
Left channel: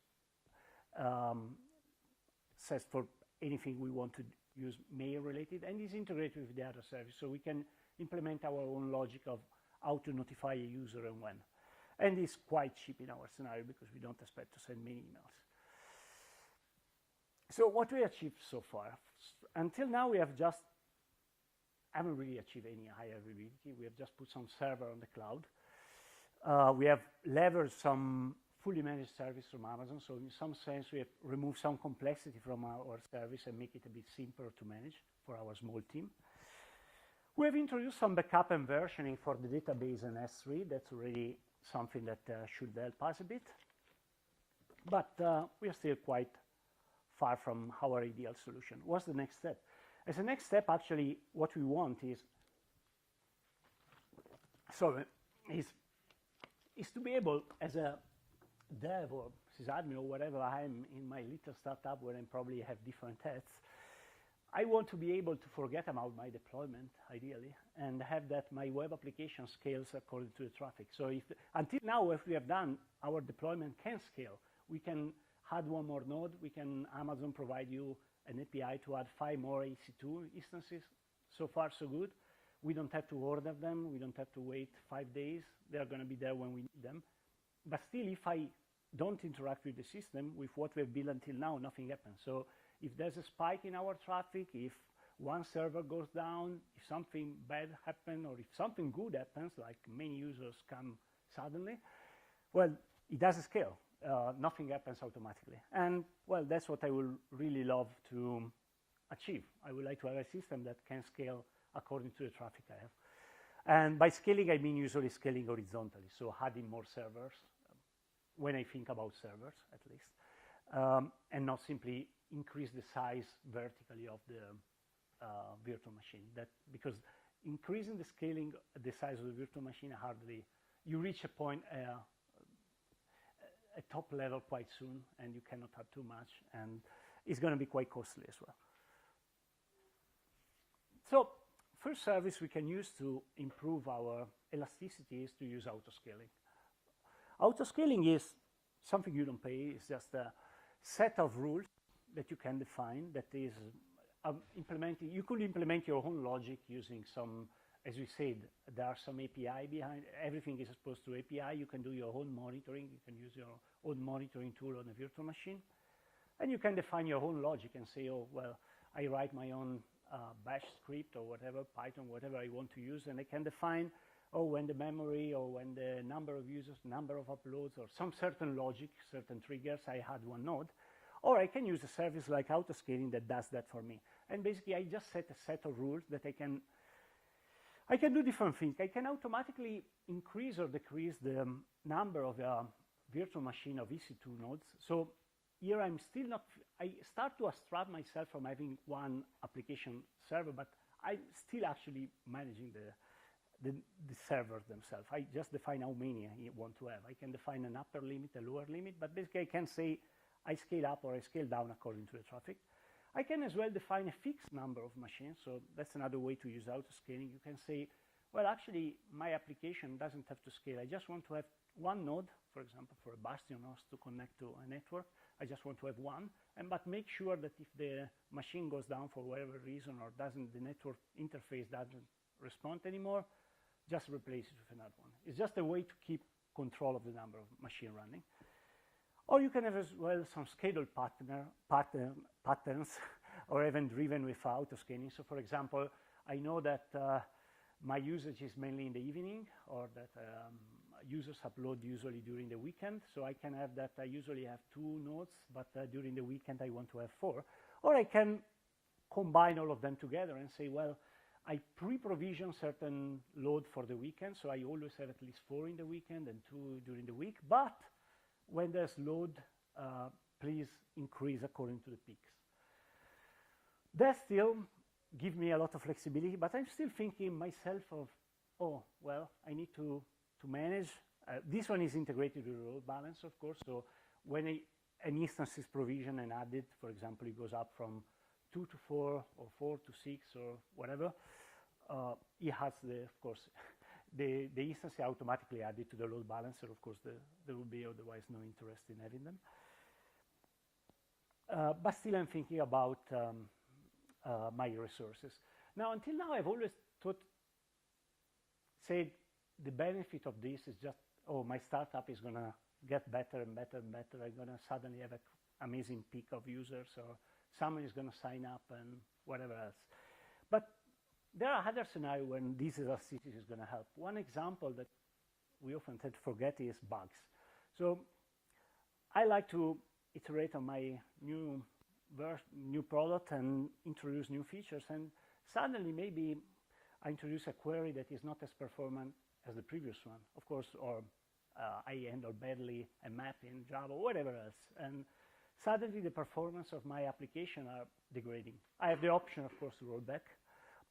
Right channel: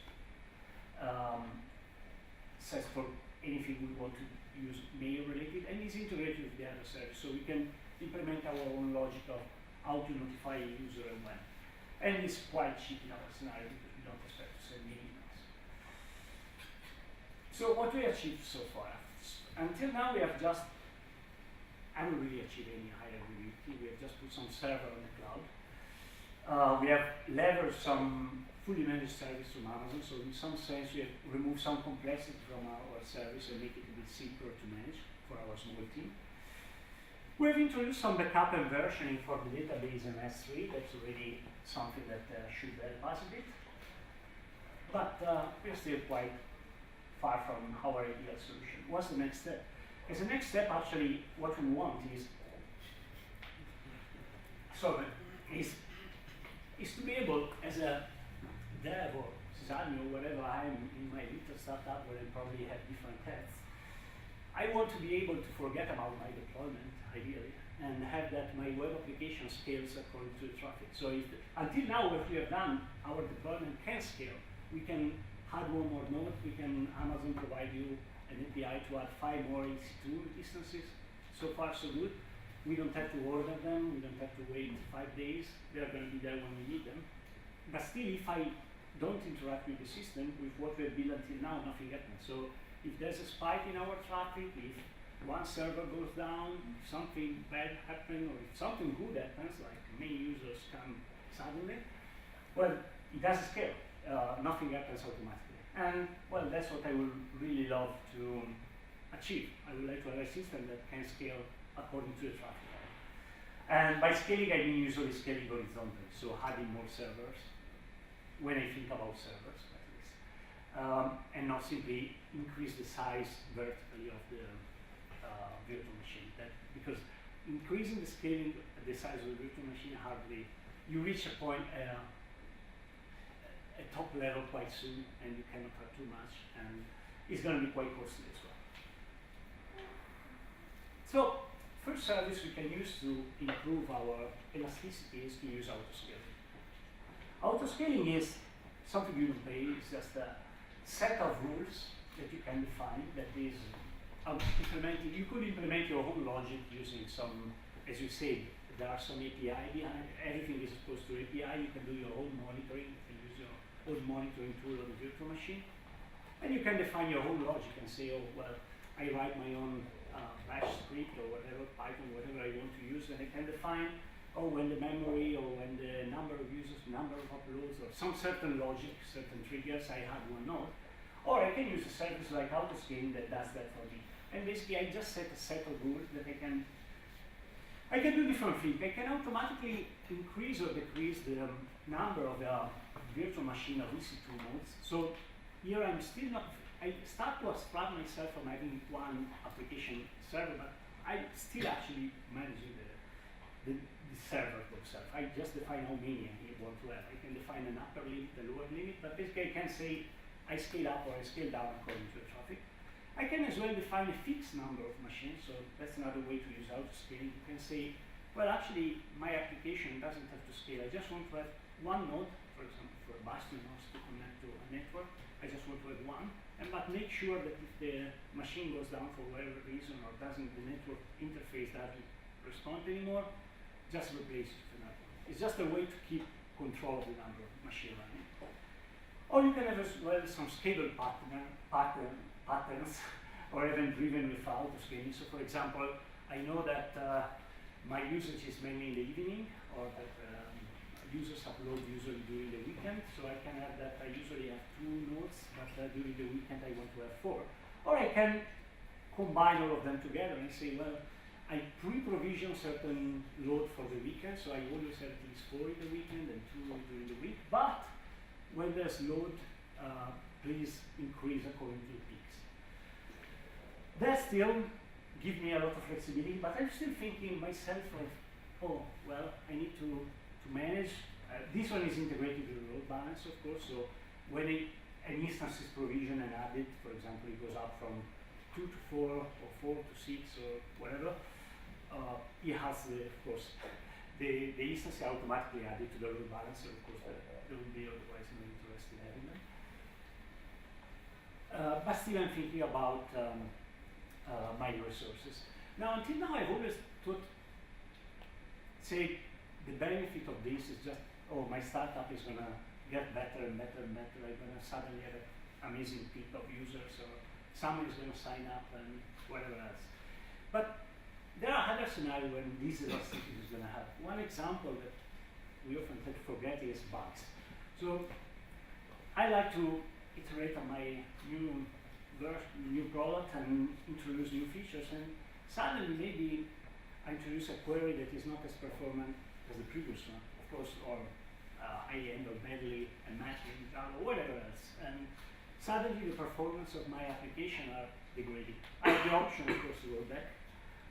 sets for anything we want to use mail related, and it's integrated with the other service. So we can implement our own logic of how to notify a user and when. And it's quite cheap in our scenario because we don't expect to send many emails. So what we achieved so far? Until now we have just, haven't really achieved any higher availability. We have just put some server on the cloud. We have leveraged some fully managed service from Amazon, so in some sense we have removed some complexity from our service and make it a bit simpler to manage for our small team. We've introduced some backup and versioning for the database and S3. That's really something that should help us a bit. But we are still quite far from our ideal solution. What's the next step? As a next step, actually, what we want is to be able, as a dev or sysadmin or whatever I am in my little startup where I probably have different heads, I want to be able to forget about my deployment, ideally, and have that my web application scales according to the traffic. So until now, what we have done, our deployment can scale. We can add one more node. We can, Amazon provide you an API to add 5 more EC2 instances. So far, so good. We don't have to order them. We don't have to wait 5 days. They're going to be there when we need them. But still, if I don't interact with the system, with what we have built until now, nothing happens. So if there's a spike in our traffic, if one server goes down, if something bad happens, or if something good happens, like many users come suddenly, well, it doesn't scale. Nothing happens automatically. And, well, that's what I would really love to achieve. I would like to have a system that can scale according to the traffic. And by scaling, I mean usually scaling horizontally, so adding more servers, when I think about servers, at least. And not simply increase the size vertically of the virtual machine. Because increasing the scaling, the size of the virtual machine, hardly, you reach a point, a top level quite soon, and you cannot have too much, and it's going to be quite costly as well. So, first service we can use to improve our elasticity is to use autoscaling. Autoscaling is something you don't pay. It's just a set of rules that you can define that is implementing. You could implement your own logic using some, as you said, there are some API behind. Everything is exposed to API. You can do your own monitoring. You can use your own monitoring tool on the virtual machine. And you can define your own logic and say, oh, well, I write my own bash script or whatever, Python, whatever I want to use, and I can define, oh, when the memory or when the number of users, number of uploads, or some certain logic, certain triggers, I have one node. Or I can use a service like autoscaling that does that for me. And basically, I just set a set of rules that I can do different things. I can automatically increase or decrease the number of the virtual machine of EC2 nodes. So here I'm still not, I start to abstract myself from having one application server, but I'm still actually managing the server itself. I just define how many I want to have. I can define an upper limit, a lower limit, but basically I can say I scale up or I scale down according to the traffic. I can as well define a fixed number of machines, so that's another way to use autoscaling. You can say, well, actually, my application doesn't have to scale. I just want to have one node, for example, for Bastion nodes to connect to a network. I just want to have one, but make sure that if the machine goes down for whatever reason or the network interface doesn't respond anymore, just replace it with another one. It's just a way to keep control of the number of machine running. Or you can have as well some scalable patterns or even driven with autoscaling. So for example, I know that my usage is mainly in the evening, or that users upload usually during the weekend, so I can have that I usually have 2 nodes, but during the weekend I want to have 4. Or I can combine all of them together and say, well, I pre-provision certain load for the weekend, so I always have at least 4 in the weekend and 2 during the week, but when there's load, please increase according to the peaks. That still gives me a lot of flexibility, but I'm still thinking myself of, oh, well, I need to manage. This one is integrated with the load balance, of course, so when an instance is provisioned and added, for example, it goes up from 2 to 4 or 4 to 6 or whatever, it has, of course, the instance is automatically added to the load balancer. Of course, there will be otherwise no interest in having them. But still, I'm thinking about my resources. Now, until now, I've always thought say the benefit of this is just, oh, my startup is going to get better and better and better. I'm going to suddenly have an amazing peak of users, or someone is going to sign up and whatever else. But there are other scenarios when this elasticity is going to happen. One example that we often tend to forget is bugs. So I like to iterate on my new product and introduce new features, and suddenly maybe I introduce a query that is not as performant as the previous one, of course, or high-end or badly and matching Java or whatever else. And suddenly the performance of my application are degrading. I have the option, of course, to go back,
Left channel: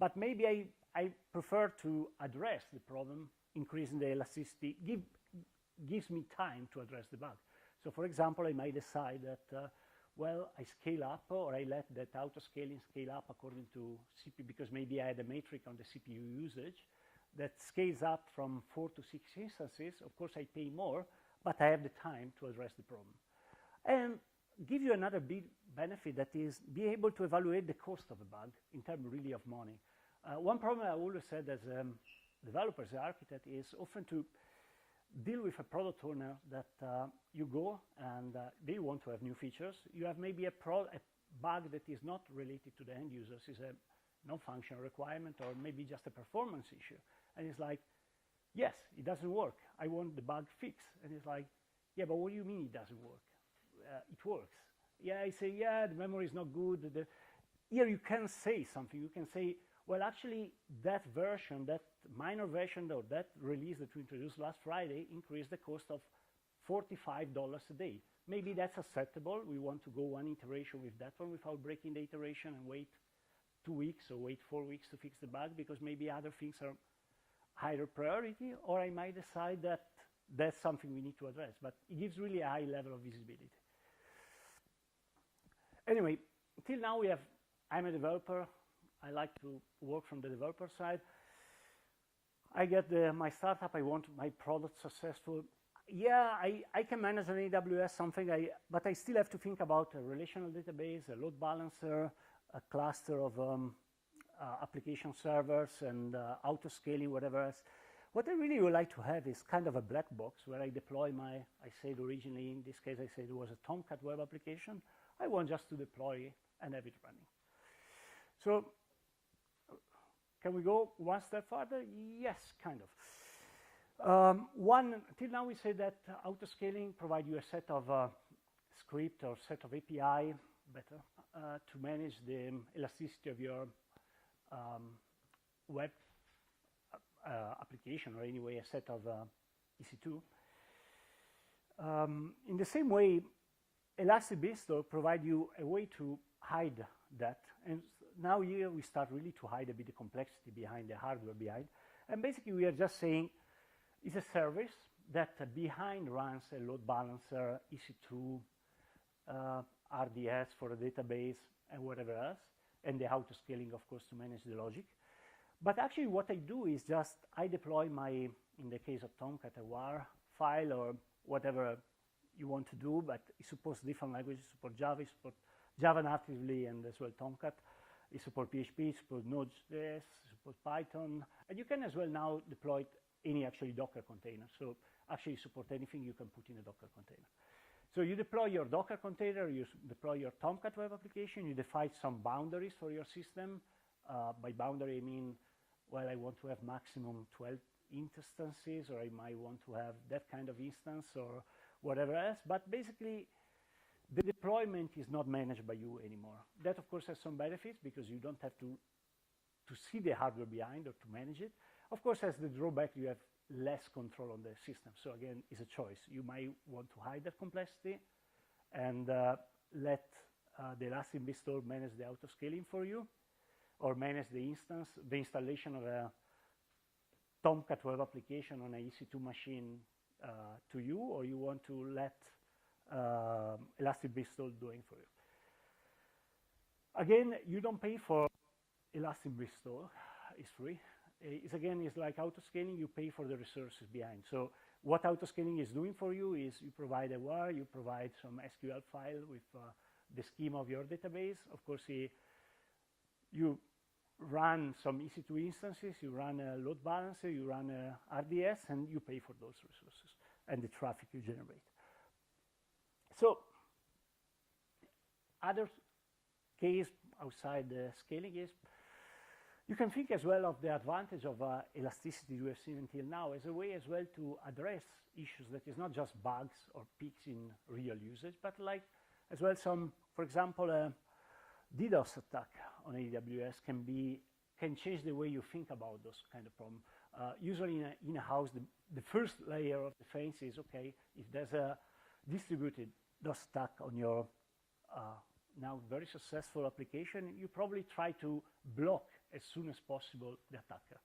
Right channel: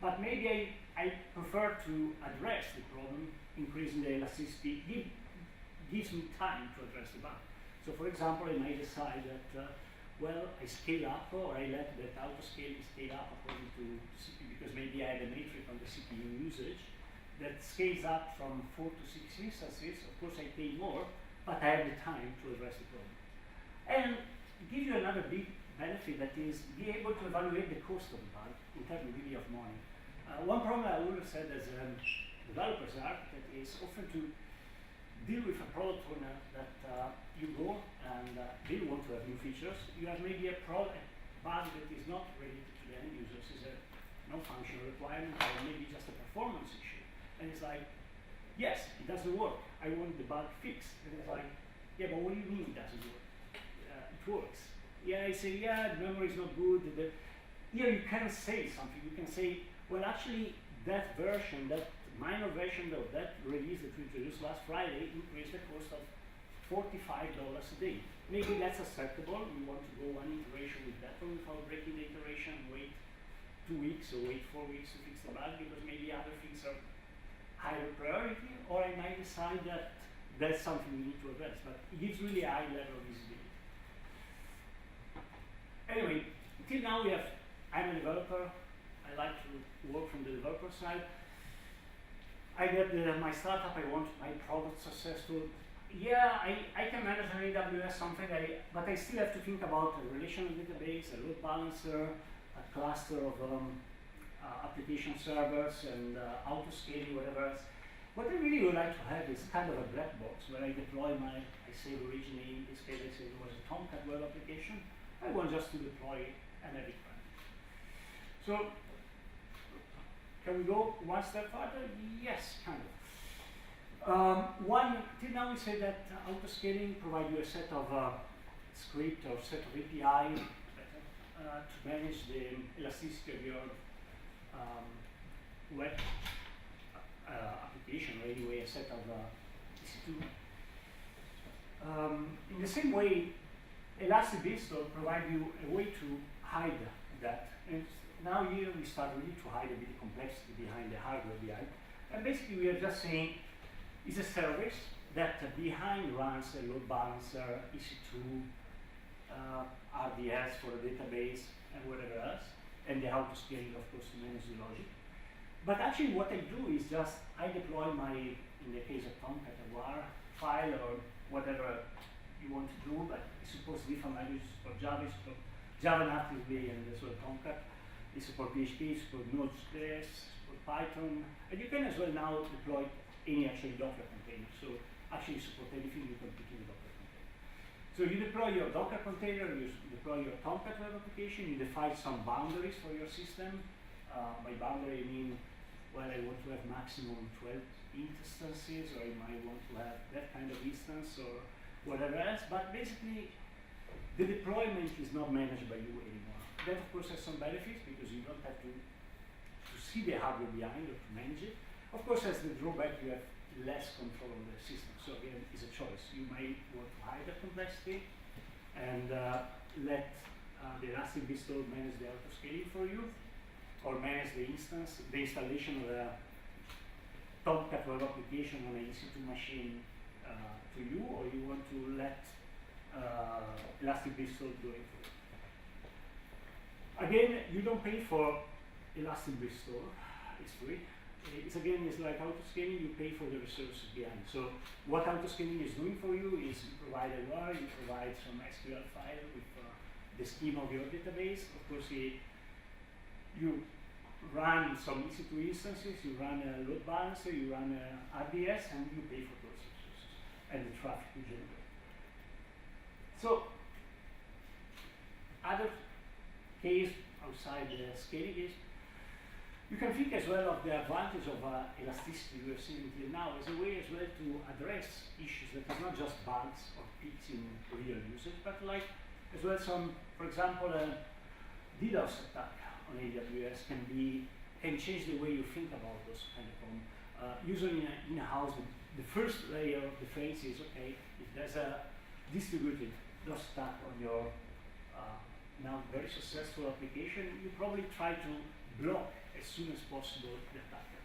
but maybe I prefer to address the problem, increasing the elasticity, gives me time to address the bug. So for example, I might decide that, well, I scale up, or I let that auto-scaling scale up according to CPU, because maybe I have a metric on the CPU usage that scales up from 4 to 6 instances. Of course, I pay more, but I have the time to address the problem. And it gives you another big benefit, that is be able to evaluate the cost of the bug in terms really of money. One problem I always said as developers, architect, is often to deal with a product owner that you go and they want to have new features. You have maybe a bug that is not related to the end users, is a functional requirement, or maybe just a performance issue. And it's like, yes, it doesn't work. I want the bug fixed. And it's like, yeah, but what do you mean it doesn't work? It works. Yeah, I say, yeah, the memory is not good. Here you can say something. You can say, well, actually, that version, that minor version of that release that we introduced last Friday increased the cost of $45 a day. Maybe that's acceptable. We want to go one iteration with that one without breaking the iteration, wait 2 weeks or wait 4 weeks to fix the bug, because maybe other things are higher priority, or I might decide that that's something we need to address, but it gives really a high level of visibility. Anyway, until now I'm a developer. I like to work from the developer side. I get my startup, I want my product successful. Yeah, I can manage an AWS something, but I still have to think about a relational database, a load balancer, a cluster of application servers, and auto-scaling, whatever else. What I really would like to have is kind of a black box where I deploy I save originally, in this case I said it was a Tomcat web application. I want just to deploy and have it run. So, can we go one step further? Yes, kind of. Till now we say that auto-scaling provides you a set of script or set of API to manage the elasticity of your web application, or anyway a set of EC2. In the same way, Elastic Beanstalk provides you a way to hide that. And now here we start really to hide a bit of complexity behind the hardware behind. And basically we are just saying it's a service that behind runs a load balancer, EC2, RDS for the database, and whatever else, and the auto-scaling, of course, to manage the logic. But actually what I do is just, I deploy in the case of Tomcat, a WAR file or whatever you want to do, but it supports different languages, support Java, support Java natively, and as well Tomcat. It supports PHP, support Node.js, support Python, and you can as well now deploy any actually Docker container. So actually support anything you can put in a Docker container. So you deploy your Docker container, you deploy your Tomcat web application, you define some boundaries for your system. By boundary I mean, well, I want to have maximum 12 instances, or I might want to have that kind of instance, or whatever else. But basically, the deployment is not managed by you anymore. That, of course, has some benefits, because you don't have to see the hardware behind or to manage it. Of course, as the drawback, you have less control of the system. So again, it's a choice. You might want to hide that complexity and let the Elastic Beanstalk manage the auto-scaling for you, or manage the installation of a Tomcat web application on an EC2 machine to you, or you want to let Elastic Beanstalk do it for you. Again, you don't pay for Elastic Beanstalk, it's free. It's like auto-scaling, you pay for the resources behind. So what auto-scaling is doing for you is you provide a WAR, you provide some SQL file with the schema of your database. Of course, you run some EC2 instances, you run a load balancer, you run a RDS, and you pay for those resources and the traffic you generate. So, other case outside the scaling is, you can think as well of the advantage of elasticity we have seen until now as a way as well to address issues that is not just bugs or peaks in real usage, but like as well some, for example, DDoS attack on AWS can change the way you think about those kind of problems. Usually in a house, the first layer of defense is, okay, if there's a distributed DOS attack on your now very successful application, you probably try to block as soon as possible the attacker.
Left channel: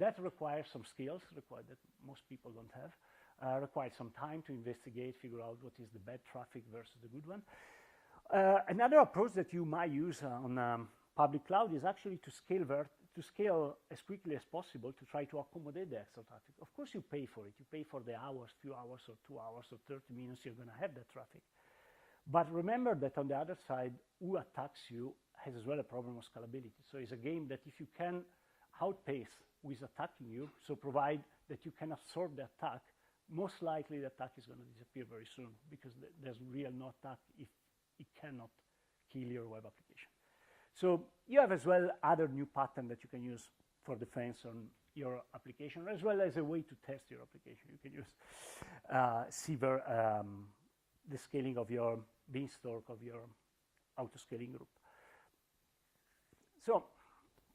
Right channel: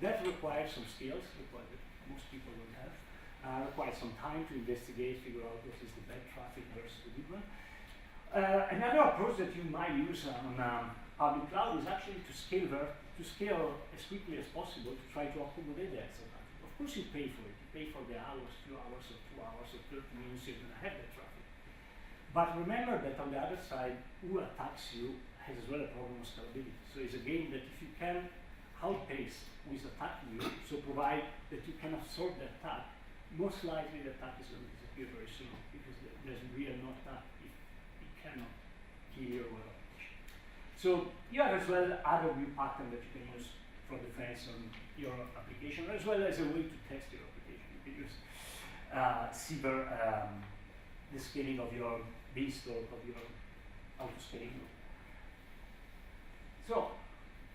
That requires some skills that most people don't have. Requires some time to investigate, figure out what is the bad traffic versus the good one. Another approach that you might use on public cloud is actually to scale as quickly as possible to try to accommodate the extra traffic. Of course you pay for it. You pay for the hours, 2 hours, or 2 hours, or 30 minutes you're going to have the traffic. But remember that on the other side, who attacks you has as well a problem of scalability. So it's a game that if you can outpace who is attacking you, so provide that you can absorb the attack, most likely the attack is going to disappear very soon because there's really no attack if it cannot kill your web application. So you have as well other new pattern that you can use for defense on your application, as well as a way to test your application. You can use the scaling of your beanstalk of your auto-scaling group. So,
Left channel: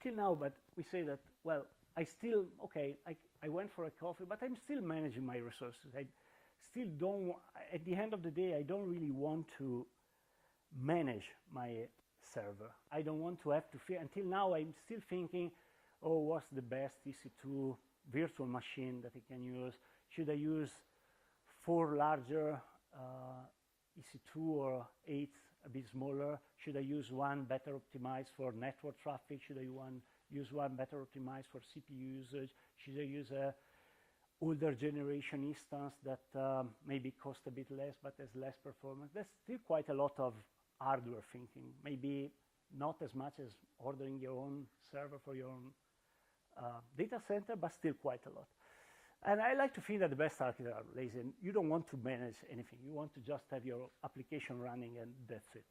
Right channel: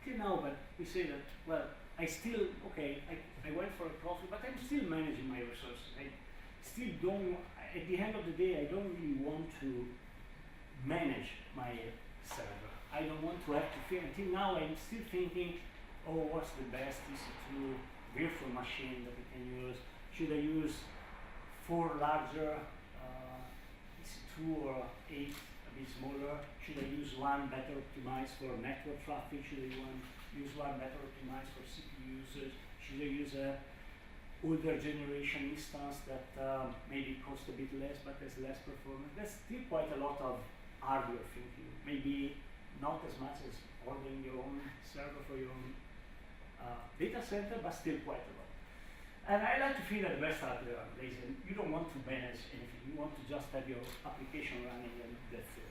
till now, but we say that, well, I still, okay, I went for a profit, but I'm still managing my resources. I still don't, at the end of the day, I don't really want to manage my server. I don't want to have to feel, until now I'm still thinking, oh, what's the best EC2 virtual machine that we can use? Should I use 4 larger EC2 or 8 a bit smaller? Should I use one better optimized for network traffic? Should I use one better optimized for CPU usage? Should I use a older generation instance that maybe costs a bit less but has less performance? There's still quite a lot of hardware thinking. Maybe not as much as ordering your own server for your own data center, but still quite a lot. And I like to think that the best hardware are lazy. You don't want to manage anything. You want to just have your application running and that's it.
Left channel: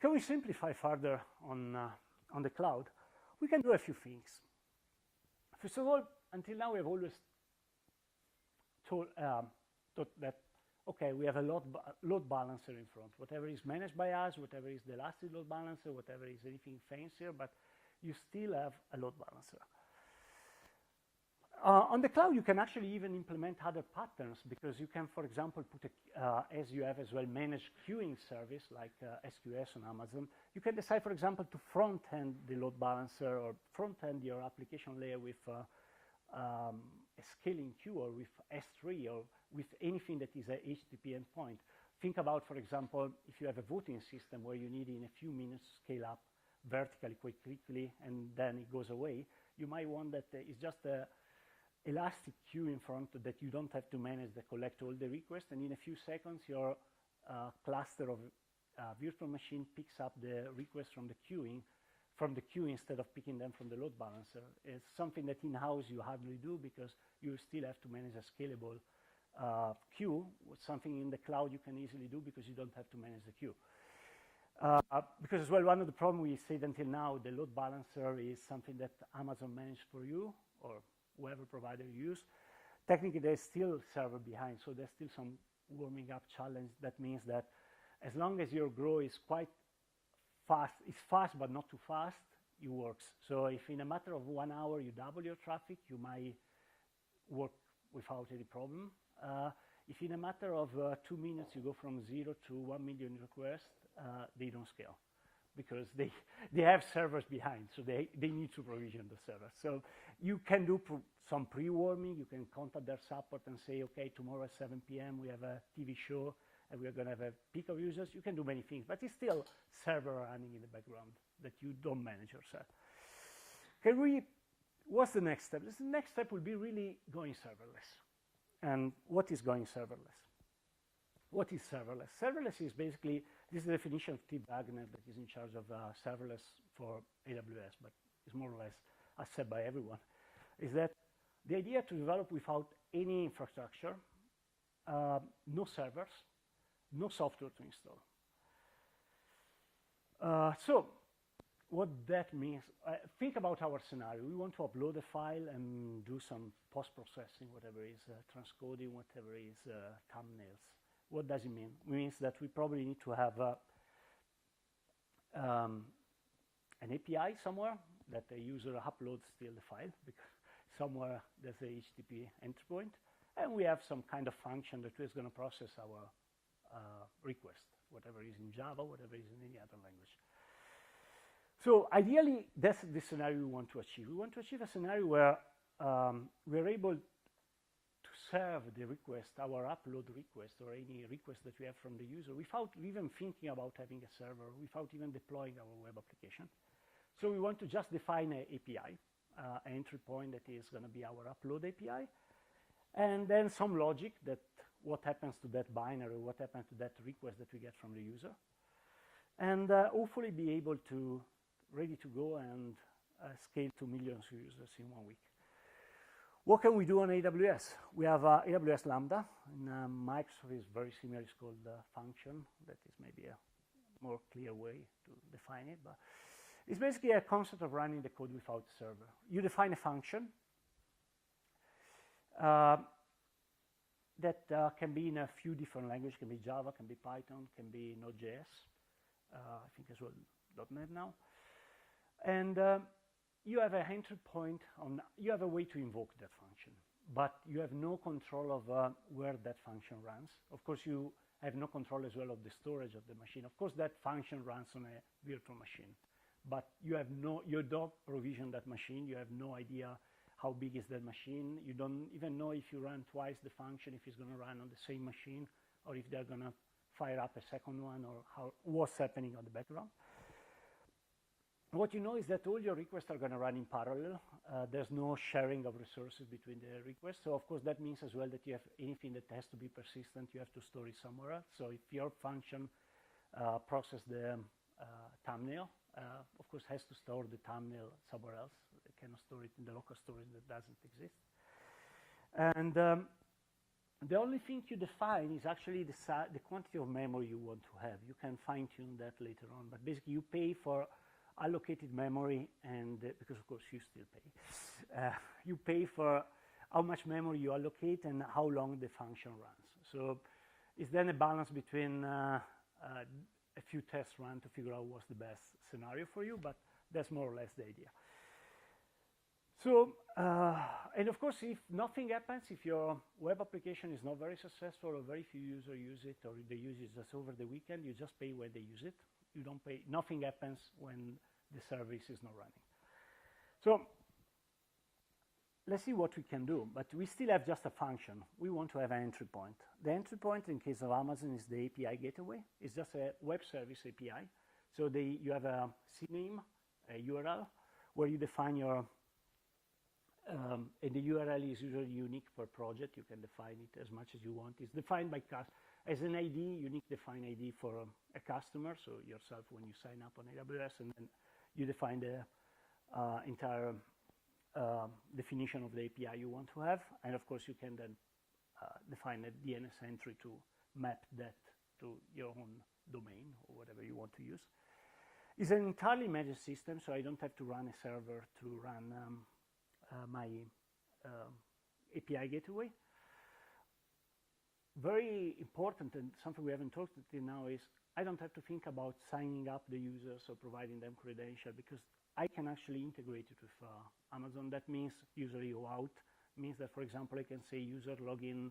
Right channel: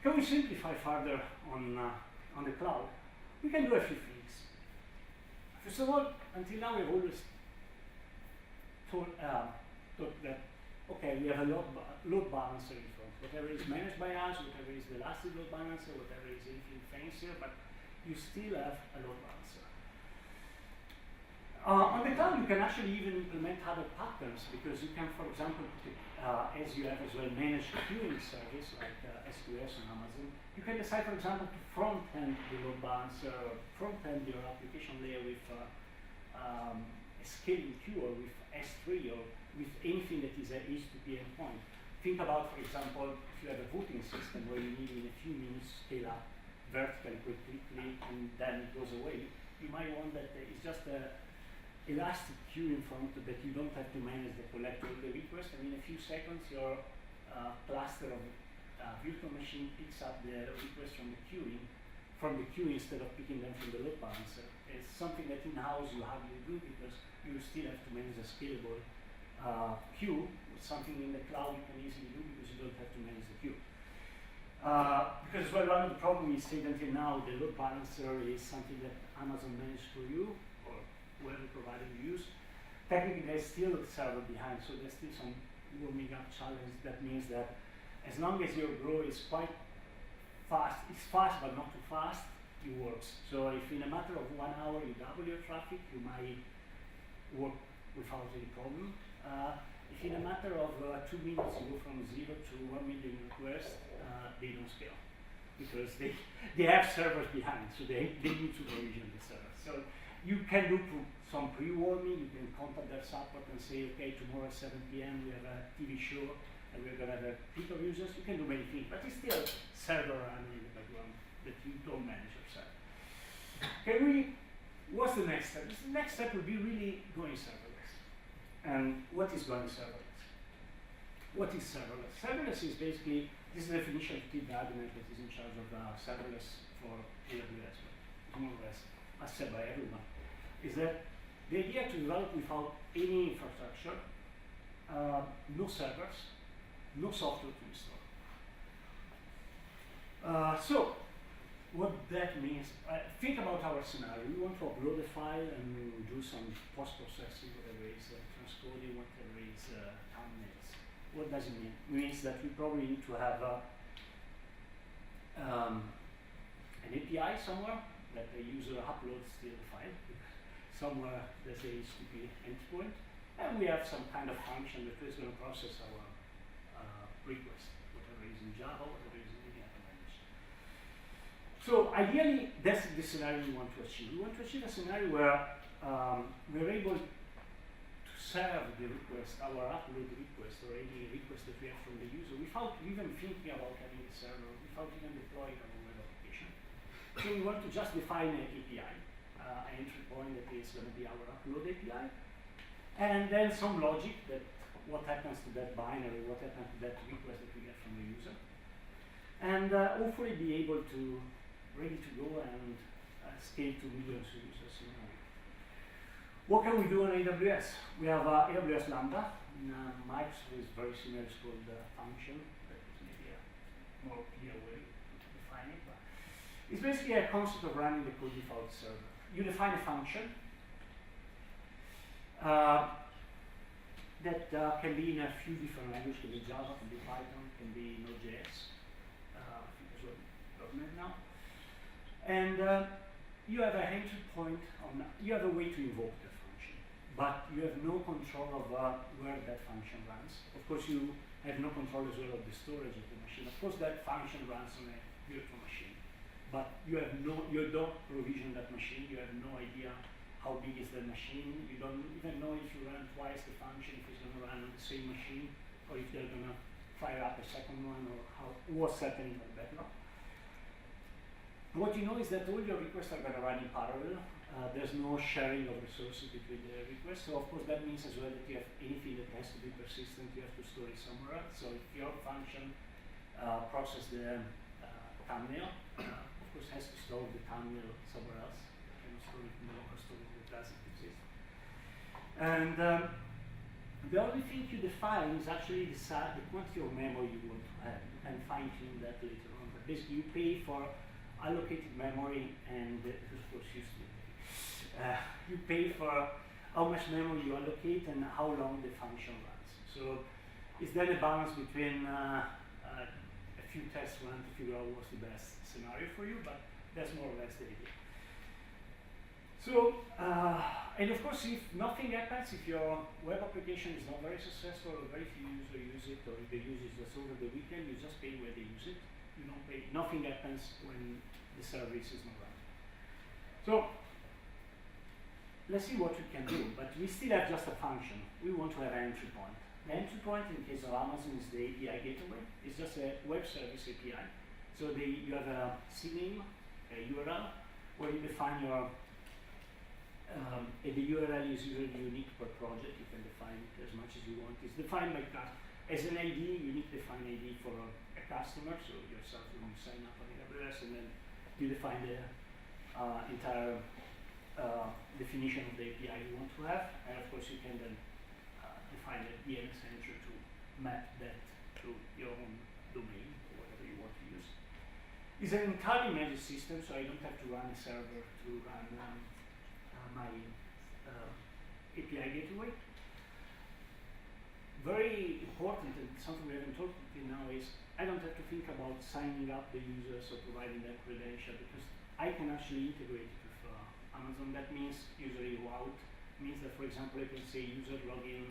Can we simplify further on the cloud? We can do a few things. First of all, until now we've always thought that, okay, we have a load balancer in front. Whatever is managed by us, whatever is the elastic load balancer, whatever is anything fancier, but you still have a load balancer. On the cloud, you can actually even implement other patterns because you can, for example, as you have as well managed queuing service like SQS on Amazon, you can decide, for example, to front-end your load balancer or front-end your application layer with a scaling queue or with S3 or with anything that is a HTTP endpoint. Think about, for example, if you have a voting system where you need in a few minutes scale up vertically quickly and then it goes away, you might want that it's just a elastic queue in front that you don't have to manage the collector of the request, and in a few seconds your cluster of virtual machine picks up the request from the queue instead of picking them from the load balancer. It's something that in-house you hardly do because you still have to manage a scalable queue. Something in the cloud you can easily do because you don't have to manage the queue. Because well, one of the problems is that until now the load balancer is something that Amazon managed for you or whatever provider you use. Technically there's still a server behind, so there's still some warming up challenge. That means that as long as your grow is quite fast, it's fast but not too fast, it works. So if in a matter of 1 hour you double your traffic, you might work without any problem. If in a matter of 2 minutes you go from 0 to 1 million requests, they don't scale because they have servers behind, so they need to provision the server. So you can do some pre-warming, you can contact their support and say, okay, tomorrow at 7 p.m. we have a TV show and we're going to have a peak of users. You can do many things, but it's still a server running in the background that you don't manage yourself. What's the next step? The next step will be really going serverless. And what is going serverless? What is serverless? Serverless is basically, this is the definition of Steve Gardiner that is in charge of serverless for AWS, but it's more or less accepted by everyone, is that the idea to develop without any infrastructure, no servers, no software to install. So, what that means, think about our scenario. We want to upload a file and do some post-processing, whatever it is, transcoding, whatever it is, thumbnails. What does it mean? It means that we probably need to have an API somewhere that the user uploads the file. Somewhere there's a HTTP endpoint, and we have some kind of function that is going to process our request, whatever is in Java, whatever is in any other language. So ideally, that's the scenario we want to achieve. We want to achieve a scenario where we're able to serve the request, our upload request, or any request that we have from the user, without even thinking about having a server, without even deploying our web application. So we want to just define an API, an entry point that is going to be our upload API, and then some logic that what happens to that binary, what happens to that request that we get from the user, and hopefully be able to ready to go and scale to millions of users in a week. What can we do on AWS? We have AWS Lambda. Microsoft is very similar, it's called function. That is maybe a more clear way to define it. But it's basically a concept of running the code without a server. You define a function that can be in a few different languages. Can be Java, can be Python, can be Node.js. I think it's .NET now. And you have an entry point you have a way to invoke that function, but you have no control of where that function runs. Of course, you have no control as well of the storage of the machine. Of course, that function runs on a virtual machine, but you don't provision that machine. You have no idea how big is that machine. You don't even know if you run twice the function, if it's going to run on the same machine, or if they're going to fire up a second one, or what's happening on the backlog. What you know is that all your requests are going to run in parallel. There's no sharing of resources between the requests. So of course that means as well that you have anything that has to be persistent, you have to store it somewhere else. So if your function processes the thumbnail, of course has to store the thumbnail somewhere else. You cannot store it in the local storage that doesn't exist. And the only thing you define is actually the quantity of memory you want to have. You can fine tune that later on. But basically you pay for allocated memory, and because of course you pay for how much memory you allocate and how long the function runs. So it's then a balance between a few tests run to figure out what's the best scenario for you, but that's more or less the idea. So, and of course if nothing happens, if your web application is not very successful or very few users use it, or if they use it just over the weekend, you just pay where they use it. You don't pay, nothing happens when the service is not running. So let's see what we can do, but we still have just a function. We want to have an entry point. The entry point in case of Amazon is the API gateway. It's just a web service API. So you have a CNAME, a URL, where you define your, the URL is usually unique per project. You can define it as much as you want. It's defined by as an ID, unique defined ID for a customer, so yourself when you sign up on AWS, and then you define the entire definition of the API you want to have, and of course you can then define a DNS entry to map that to your own domain, or whatever you want to use. It's an entirely managed system, so I don't have to run a server to run my API gateway. Very important, and something we haven't talked about now, is I don't have to think about signing up the users or providing their credential, because I can actually integrate it with Amazon. That means usually route. It means that, for example, I can say user login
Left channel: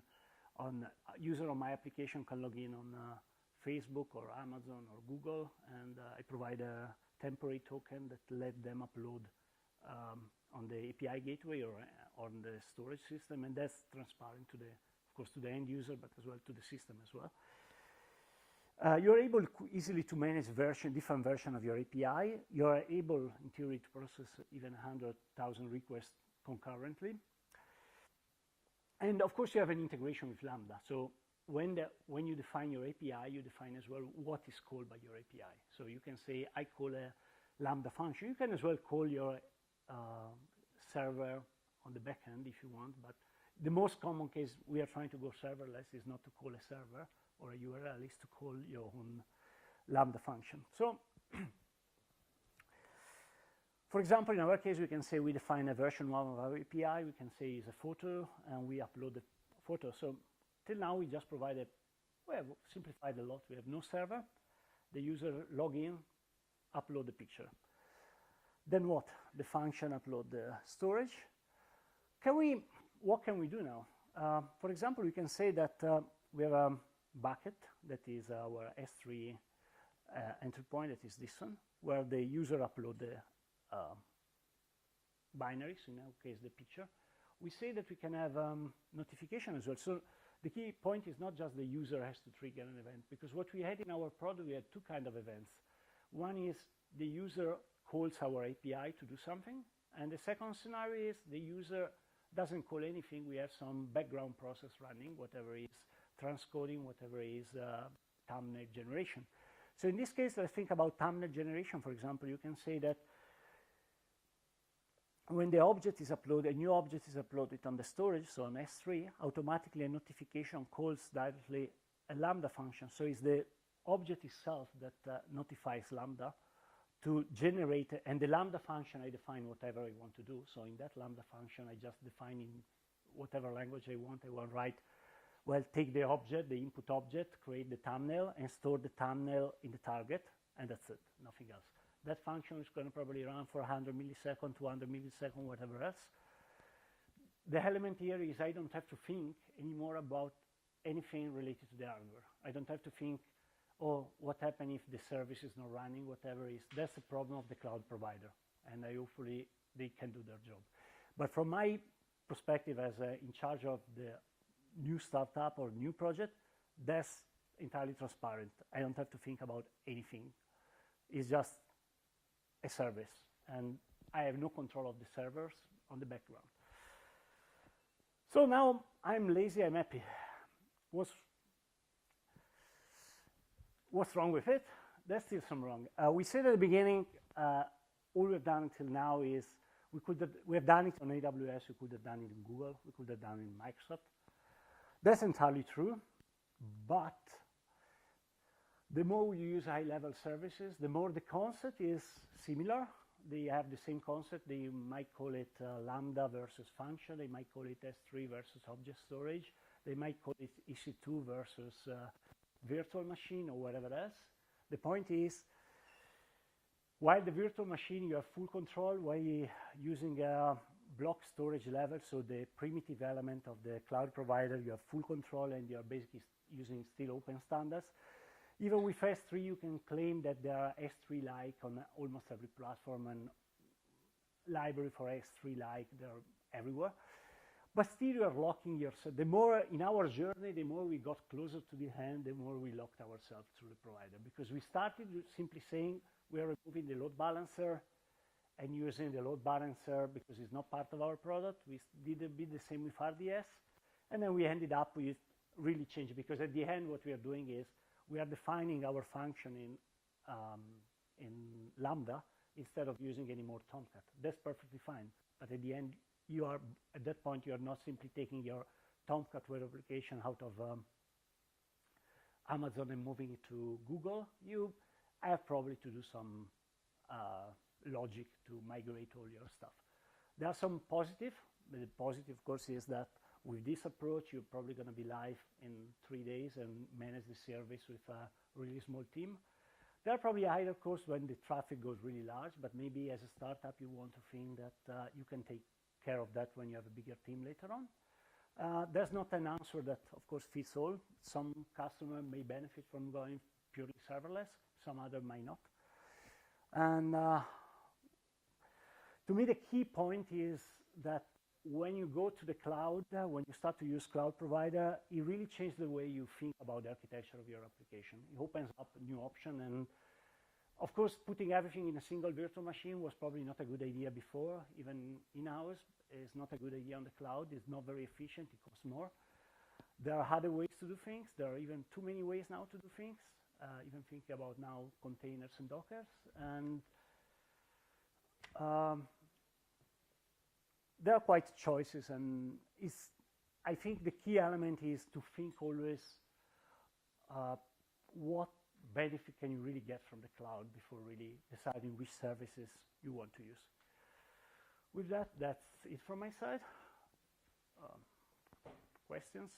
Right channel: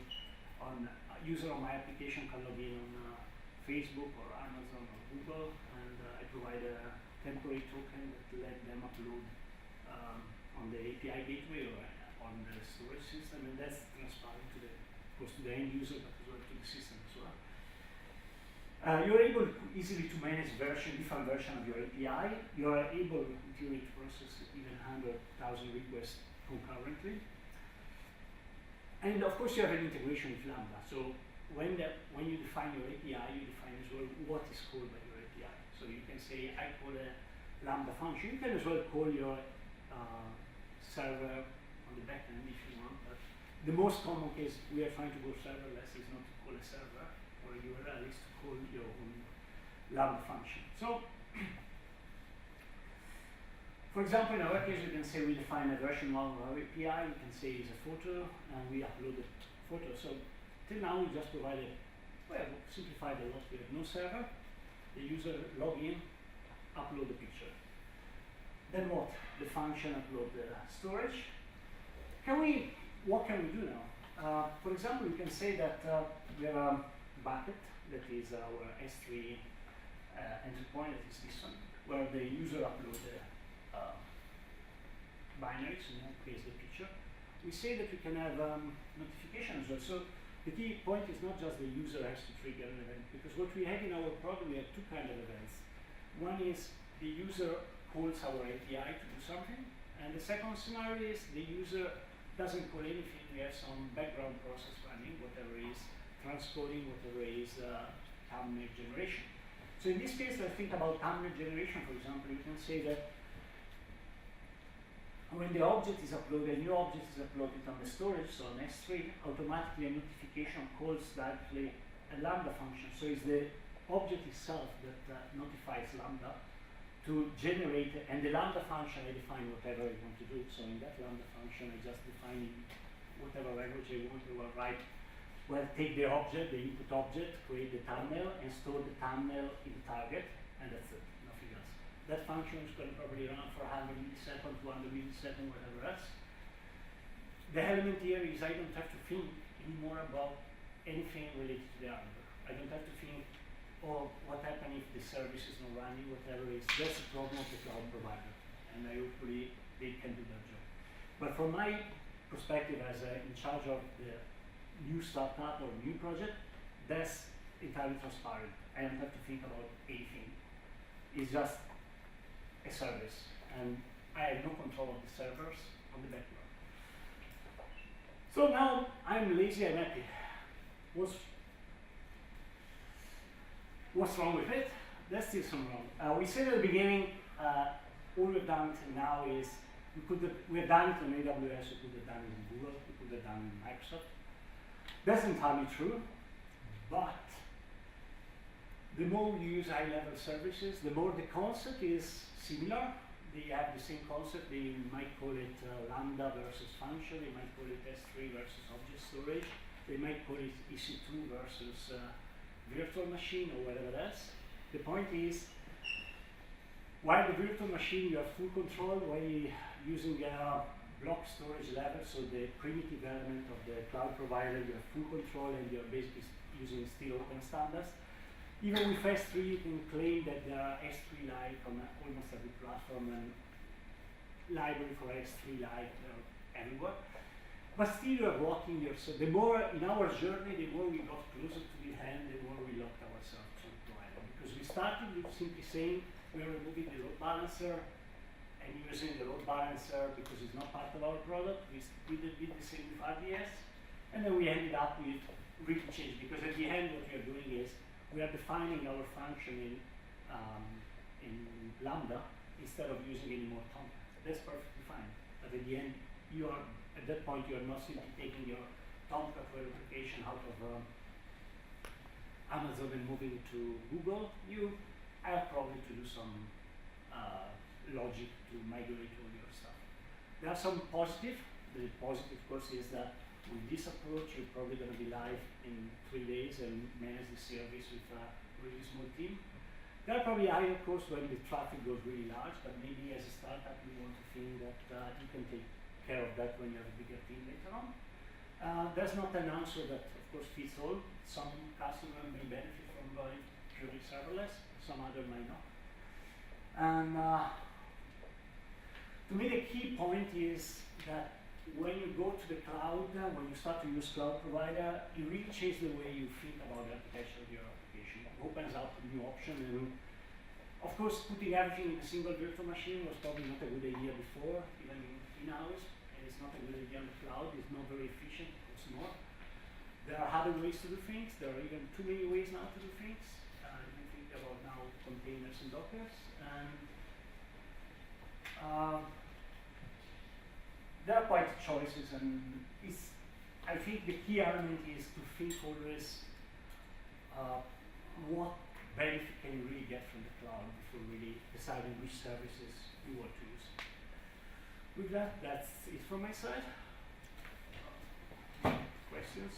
on user on my application can log in on Facebook or Amazon or Google, and I provide a temporary token that let them upload on the API gateway or on the storage system, and that's transparent to the end user, but as well to the system as well. You're able easily to manage different versions of your API. You're able, in theory, to process even 100,000 requests concurrently. And of course, you have an integration with Lambda. So when you define your API, you define as well what is called by your API. So you can say, I call a Lambda function. You can as well call your server on the back end if you want, but the most common case we are trying to go serverless is not to call a server or a URL, is to call your own Lambda function. So, for example, in our case, we can say we define a version of our API. You can say it's a photo, and we upload the photo. So, till now, we just provided, well, simplified a lot. We have no server. The user log in, upload the picture. Then what? The function upload the storage. What can we do now? For example, you can say that we have a bucket that is our S3 entry point, that is this one, where the user uploads the binaries, in that case the picture. We say that we can have notification as well. So the key point is not just the user has to trigger an event, because what we have in our program, we have two kinds of events. One is the user calls our API to do something, and the second scenario is the user doesn't call anything. We have some background process running, whatever is transcoding, whatever is thumbnail generation. So in this case, let's think about thumbnail generation, for example. You can say that when the object is uploaded, a new object is uploaded on the storage, so on S3, automatically a notification calls directly a Lambda function. So it's the object itself that notifies Lambda to generate, and the Lambda function, I define whatever I want to do. So in that Lambda function, I just define whatever language I want. I will write, well, take the object, the input object, create the thumbnail, and store the thumbnail in the target, and that's it, nothing else. That function is going to probably run for 100 milliseconds, 200 milliseconds, whatever else. The element here is I don't have to think anymore about anything related to the hardware. I don't have to think, oh, what happens if the service is not running, whatever it is. That's the problem of the cloud provider, and hopefully they can do their job. But from my perspective as in charge of the new startup or new project, that's entirely transparent. I don't have to think about anything. It's just a service, and I have no control of the servers on the background. So now I'm lazy and happy. What's wrong with it? There's still some wrong. We said at the beginning, all we've done till now is we've done it on AWS, we could have done it in Google, we could have done it in Microsoft. That's entirely true, but the more we use high-level services, the more the concept is similar. They have the same concept. They might call it Lambda versus function. They might call it S3 versus object storage. They might call it EC2 versus virtual machine or whatever else. The point is, while the virtual machine you have full control, while using block storage level, so the primitive element of the cloud provider, you have full control and you're basically using still open standards. Even with S3, you can claim that there are S3-like on almost every platform, and library for S3-like everywhere. But still, you are blocking yourself. The more in our journey, the more we got closer to the end, the more we locked ourselves to the provider. Because we started with simply saying we are removing the load balancer and using the load balancer because it's not part of our product. We did the same with RDS, and then we ended up with really change, because at the end, what we are doing is we are defining our function in Lambda instead of using any more Tomcat. That's perfectly fine. But at the end, at that point, you are not simply taking your Tomcat web application out of Amazon and moving to Google. You have probably to do some logic to migrate all your stuff. There are some positive. The positive, of course, is that with this approach, you're probably going to be live in 3 days and manage the service with a really small team. There are probably higher costs when the traffic goes really large, but maybe as a startup, you want to think that you can take care of that when you have a bigger team later on. There's not an answer that, of course, fits all. Some customer may benefit from going purely serverless, some other might not. And to me, the key point is that when you go to the cloud, when you start to use cloud provider, it really changes the way you think about the architecture of your application. It opens up a new option, and of course, putting everything in a single virtual machine was probably not a good idea before, even in-house. It's not a good idea on the cloud. It's not very efficient. It's not. There are other ways to do things. There are even too many ways now to do things. Even think about now containers and Dockers. And there are quite choices, and I think the key element is to think always what benefit can you really get from the cloud before really deciding which services you want to use. With that, that's it from my side. Questions?